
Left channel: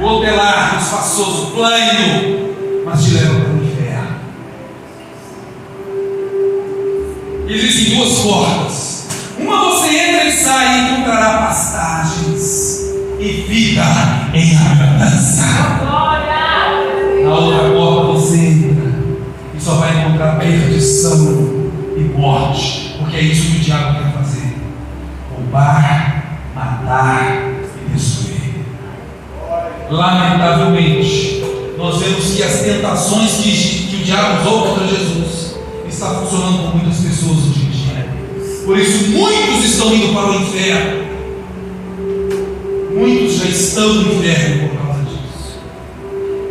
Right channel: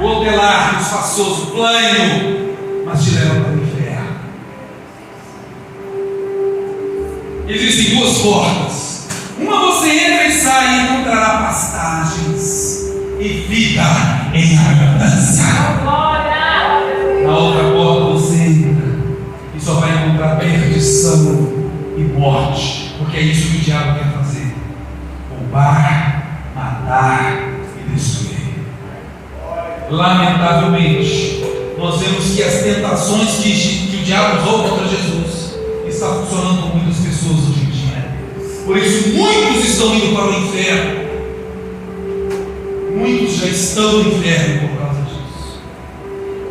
O outro é largo, espaçoso, plano, mas te leva para o inferno. Existem 2 portas. Uma você entra e sai e encontrará pastagens e vida em abundância. Na outra porta você entra e só vai encontrar perdição e morte, porque é isso que o diabo quer fazer: roubar, matar e destruir. Lamentavelmente, nós vemos que as tentações que o diabo usou contra Jesus está funcionando com muitas pessoas hoje em dia. Por isso muitos estão indo para o inferno. Muitos já estão no inferno por causa disso.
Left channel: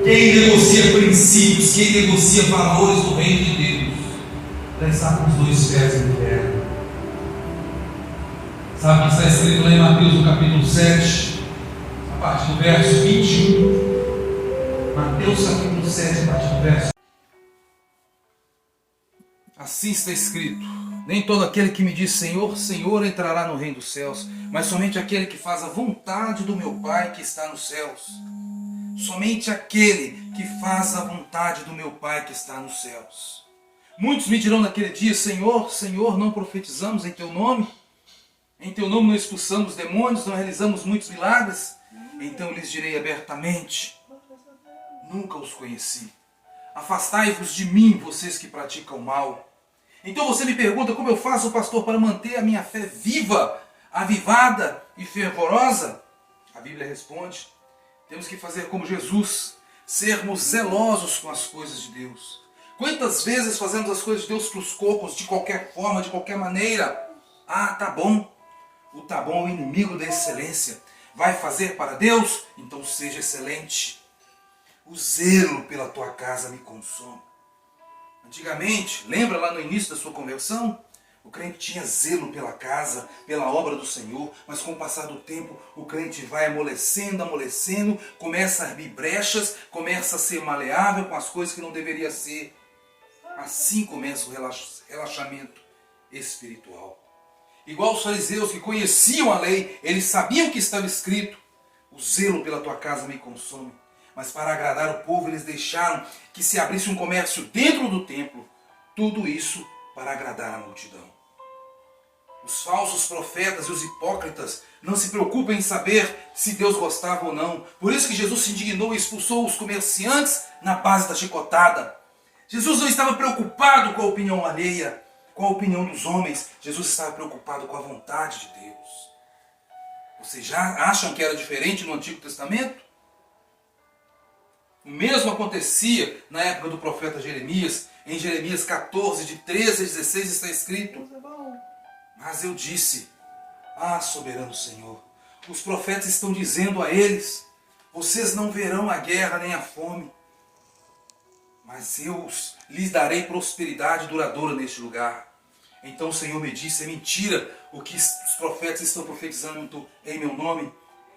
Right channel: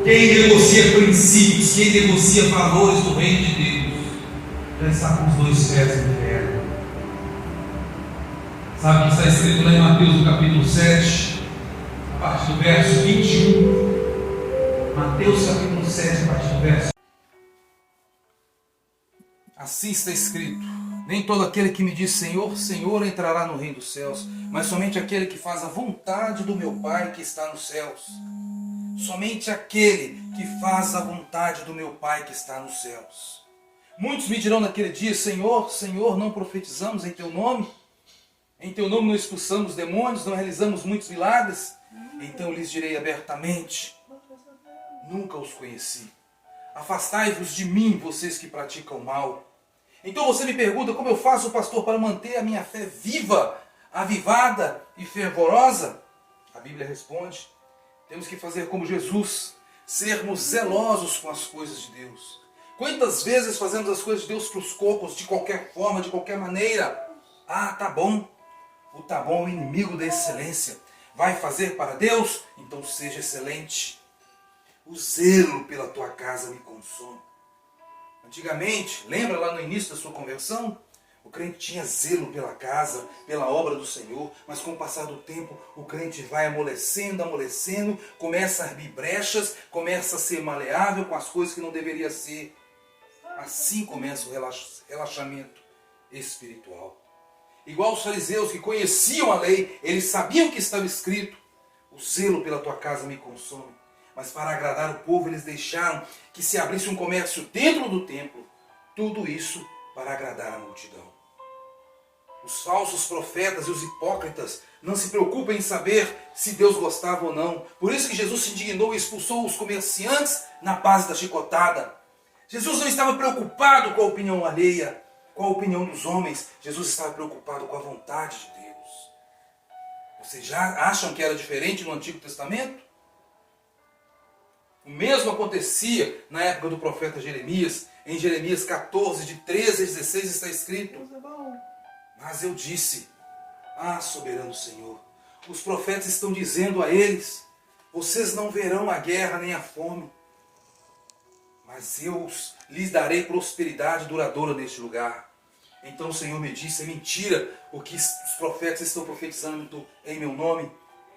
Quem negocia princípios, quem negocia valores do reino de Deus, já está com os 2 pés no inferno. Sabe o que está escrito lá em Mateus, no capítulo 7, a partir do verso 21. Mateus capítulo 7, a partir do verso. Assim está escrito: nem todo aquele que me diz Senhor, Senhor entrará no reino dos céus, mas somente aquele que faz a vontade do meu Pai que está nos céus. Somente aquele que faz a vontade do meu Pai que está nos céus. Muitos me dirão naquele dia: Senhor, Senhor, não profetizamos em teu nome? Em teu nome não expulsamos demônios, não realizamos muitos milagres? Então lhes direi abertamente: nunca os conheci. Afastai-vos de mim, vocês que praticam mal. Então você me pergunta: como eu faço, pastor, para manter a minha fé viva, avivada e fervorosa? A Bíblia responde: temos que fazer como Jesus, sermos zelosos com as coisas de Deus. Quantas vezes fazemos as coisas de Deus para os cocos, de qualquer forma, de qualquer maneira? Ah, tá bom. O tá bom é o inimigo da excelência. Vai fazer para Deus? Então seja excelente. O zelo pela tua casa me consome. Antigamente, lembra lá no início da sua conversão? O crente tinha zelo pela casa, pela obra do Senhor, mas com o passar do tempo, o crente vai amolecendo, começa a abrir brechas, começa a ser maleável com as coisas que não deveria ser. Assim começa o relaxamento espiritual. Igual os fariseus que conheciam a lei, eles sabiam que estava escrito: o zelo pela tua casa me consome. Mas para agradar o povo, eles deixaram que se abrisse um comércio dentro do templo. Tudo isso para agradar a multidão. Os falsos profetas e os hipócritas não se preocupam em saber se Deus gostava ou não. Por isso que Jesus se indignou e expulsou os comerciantes na base da chicotada. Jesus não estava preocupado com a opinião alheia, com a opinião dos homens. Jesus estava preocupado com a vontade de Deus. Vocês já acham que era diferente no Antigo Testamento? O mesmo acontecia na época do profeta Jeremias. Em Jeremias 14, de 13 a 16 está escrito: mas eu disse: ah, soberano Senhor, os profetas estão dizendo a eles: vocês não verão a guerra nem a fome, mas eu lhes darei prosperidade duradoura neste lugar. Então o Senhor me disse: é mentira o que os profetas estão profetizando em meu nome.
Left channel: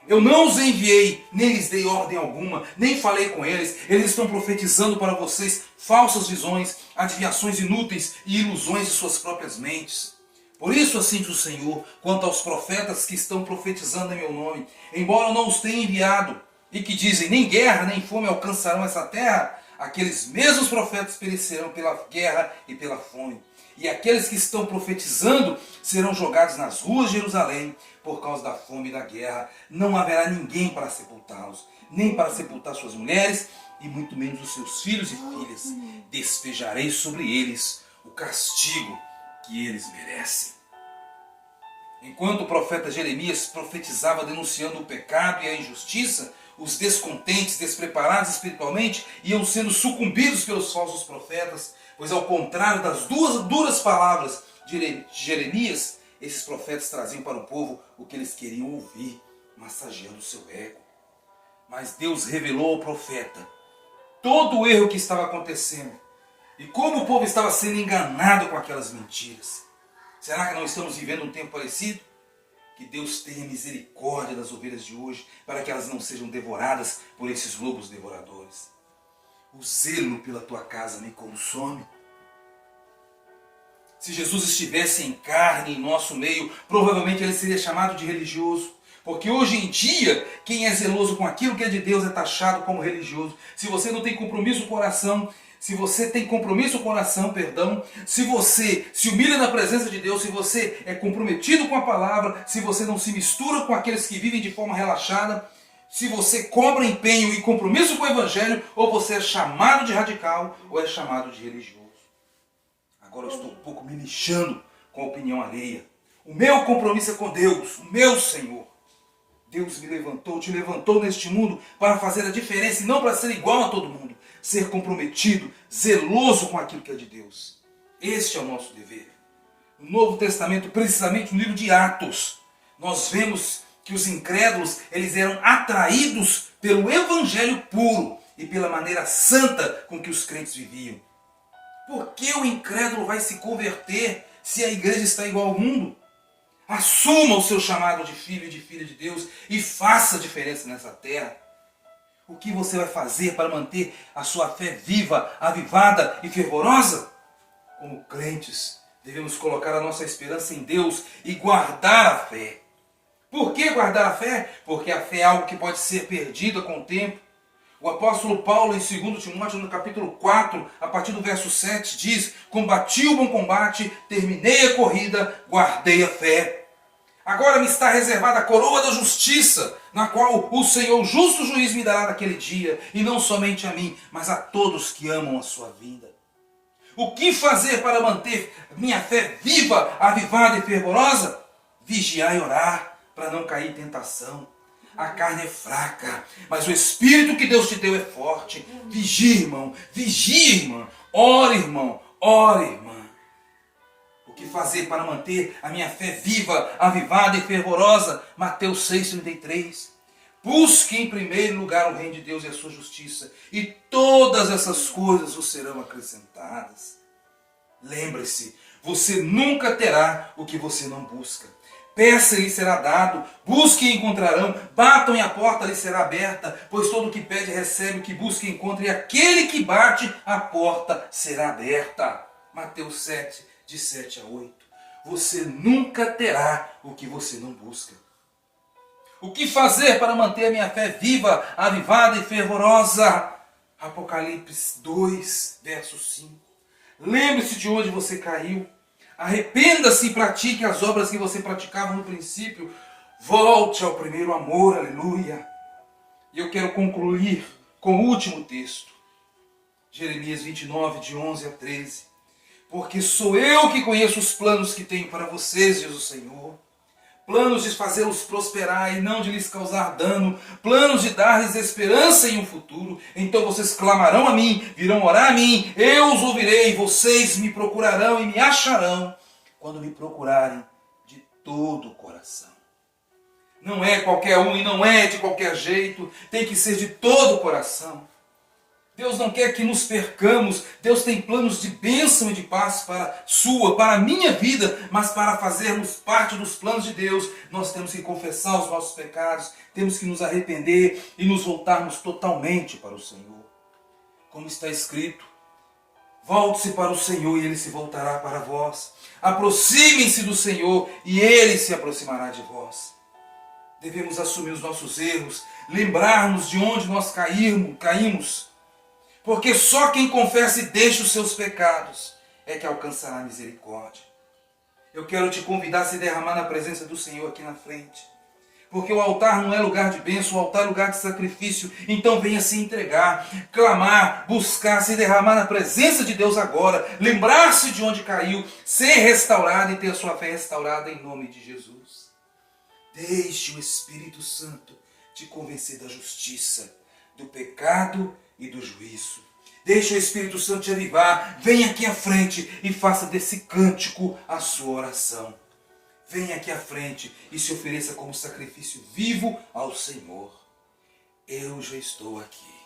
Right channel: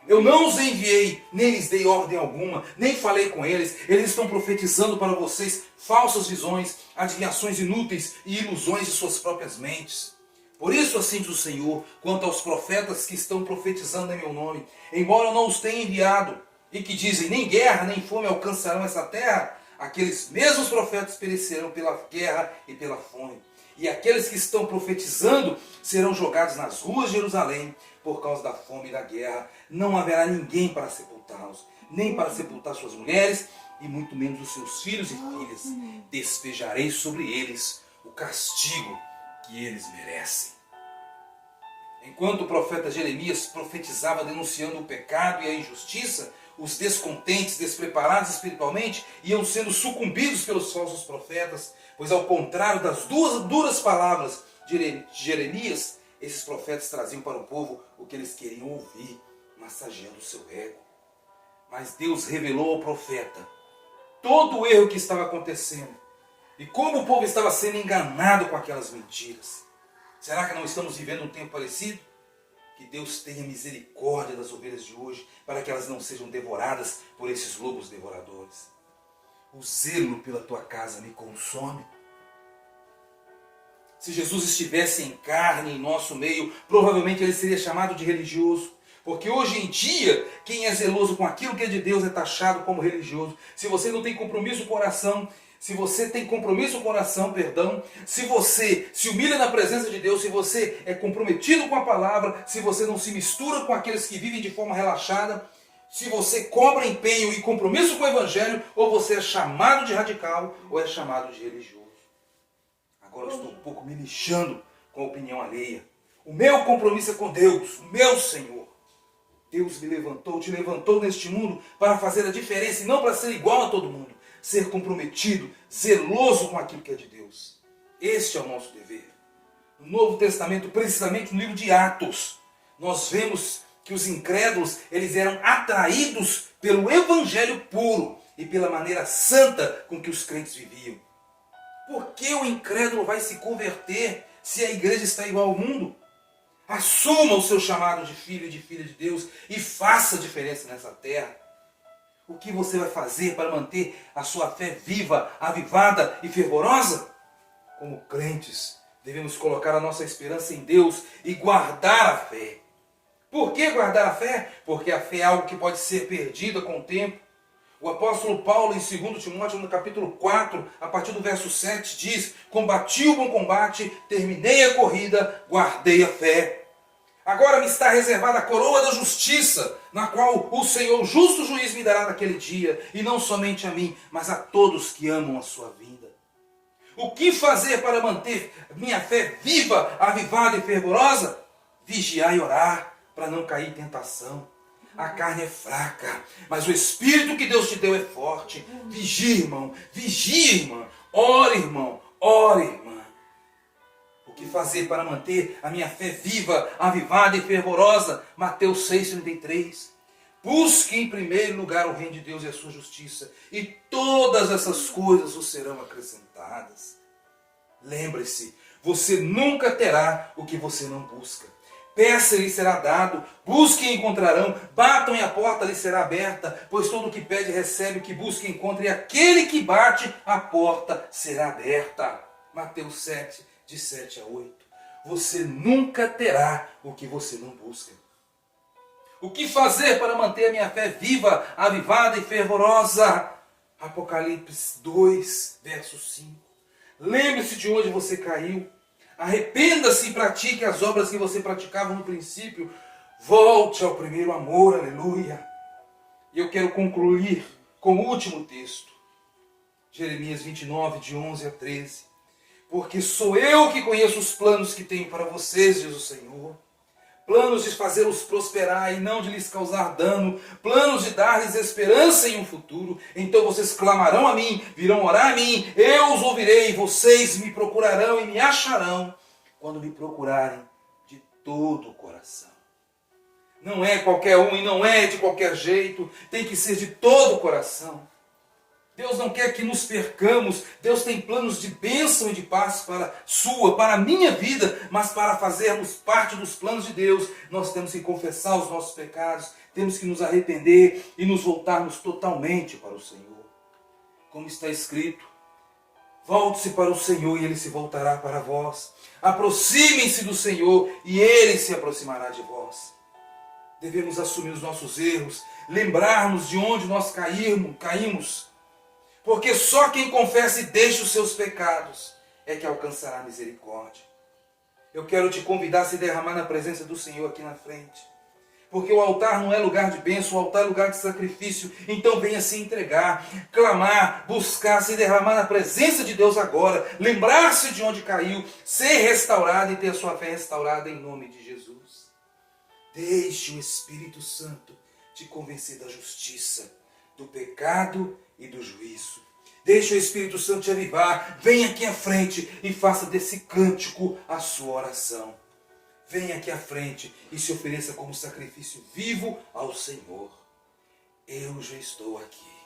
Eu não os enviei, nem lhes dei ordem alguma, nem falei com eles. Eles estão profetizando para vocês falsas visões, adivinhações inúteis e ilusões de suas próprias mentes. Por isso assim diz o Senhor, quanto aos profetas que estão profetizando em meu nome, embora eu não os tenha enviado, e que dizem: nem guerra nem fome alcançarão essa terra, aqueles mesmos profetas perecerão pela guerra e pela fome. E aqueles que estão profetizando serão jogados nas ruas de Jerusalém por causa da fome e da guerra. Não haverá ninguém para sepultá-los, nem para sepultar suas mulheres, e muito menos os seus filhos e filhas. Despejarei sobre eles o castigo que eles merecem. Enquanto o profeta Jeremias profetizava denunciando o pecado e a injustiça, os descontentes, despreparados espiritualmente, iam sendo sucumbidos pelos falsos profetas, pois ao contrário das duras palavras de Jeremias, esses profetas traziam para o povo o que eles queriam ouvir, massageando o seu ego. Mas Deus revelou ao profeta todo o erro que estava acontecendo e como o povo estava sendo enganado com aquelas mentiras. Será que não estamos vivendo um tempo parecido? Que Deus tenha misericórdia das ovelhas de hoje, para que elas não sejam devoradas por esses lobos devoradores. O zelo pela tua casa me consome. Se Jesus estivesse em carne, em nosso meio, provavelmente ele seria chamado de religioso. Porque hoje em dia, quem é zeloso com aquilo que é de Deus é taxado como religioso. Se você não tem compromisso com o coração, se você tem compromisso com o coração, se você se humilha na presença de Deus, se você é comprometido com a palavra, se você não se mistura com aqueles que vivem de forma relaxada, se você cobra empenho e compromisso com o Evangelho, ou você é chamado de radical, ou é chamado de religioso. Agora eu estou um pouco me lixando com a opinião alheia. O meu compromisso é com Deus, o meu Senhor. Deus me levantou, te levantou neste mundo para fazer a diferença e não para ser igual a todo mundo. Ser comprometido, zeloso com aquilo que é de Deus. Este é o nosso dever. No Novo Testamento, precisamente no livro de Atos, nós vemos que os incrédulos, eles eram atraídos pelo Evangelho puro e pela maneira santa com que os crentes viviam. Por que o incrédulo vai se converter se a igreja está igual ao mundo? Assuma o seu chamado de filho e de filha de Deus e faça a diferença nessa terra. O que você vai fazer para manter a sua fé viva, avivada e fervorosa? Como crentes, devemos colocar a nossa esperança em Deus e guardar a fé. Por que guardar a fé? Porque a fé é algo que pode ser perdida com o tempo. O apóstolo Paulo, em 2 Timóteo, no capítulo 4, a partir do verso 7, diz: combati o bom combate, terminei a corrida, guardei a fé. Agora me está reservada a coroa da justiça, na qual o Senhor, justo juiz, me dará naquele dia, e não somente a mim, mas a todos que amam a sua vinda. O que fazer para manter minha fé viva, avivada e fervorosa? Vigiar e orar, para não cair em tentação. A carne é fraca, mas o Espírito que Deus te deu é forte. Vigie, irmão, vigie, irmã. Ore, irmão, ore, irmã. O que fazer para manter a minha fé viva, avivada e fervorosa? Mateus 6,33. Busque em primeiro lugar o reino de Deus e a sua justiça, e todas essas coisas vos serão acrescentadas. Lembre-se, você nunca terá o que você não busca. Peça e lhe será dado, busque e encontrarão, batam e a porta lhe será aberta, pois todo o que pede recebe, o que busca encontra, e aquele que bate, a porta será aberta. Mateus 7, de 7 a 8. Você nunca terá o que você não busca. O que fazer para manter a minha fé viva, avivada e fervorosa? Apocalipse 2, verso 5. Lembre-se de onde você caiu. Arrependa-se e pratique as obras que você praticava no princípio. Volte ao primeiro amor, aleluia. E eu quero concluir com o último texto. Jeremias 29, de 11 a 13. Porque sou eu que conheço os planos que tenho para vocês, diz o Senhor. Planos de fazê-los prosperar e não de lhes causar dano. Planos de dar-lhes esperança em um futuro. Então vocês clamarão a mim, virão orar a mim. Eu os ouvirei, vocês me procurarão e me acharão quando me procurarem de todo o coração. Não é qualquer um e não é de qualquer jeito. Tem que ser de todo o coração. Deus não quer que nos percamos. Deus tem planos de bênção e de paz para a minha vida, mas para fazermos parte dos planos de Deus, nós temos que confessar os nossos pecados, temos que nos arrepender e nos voltarmos totalmente para o Senhor. Como está escrito, volte-se para o Senhor e Ele se voltará para vós. Aproximem-se do Senhor e Ele se aproximará de vós. Devemos assumir os nossos erros, lembrar-nos de onde nós caímos, porque só quem confessa e deixa os seus pecados é que alcançará a misericórdia. Eu quero te convidar a se derramar na presença do Senhor aqui na frente. Porque o altar não é lugar de bênção, o altar é lugar de sacrifício. Então venha se entregar, clamar, buscar, se derramar na presença de Deus agora. Lembrar-se de onde caiu, ser restaurado e ter a sua fé restaurada em nome de Jesus. Deixe o Espírito Santo te convencer da justiça, do pecado e do juízo. Deixe o Espírito Santo te avivar. Venha aqui à frente e faça desse cântico a sua oração. Venha aqui à frente e se ofereça como sacrifício vivo ao Senhor. Eu já estou aqui.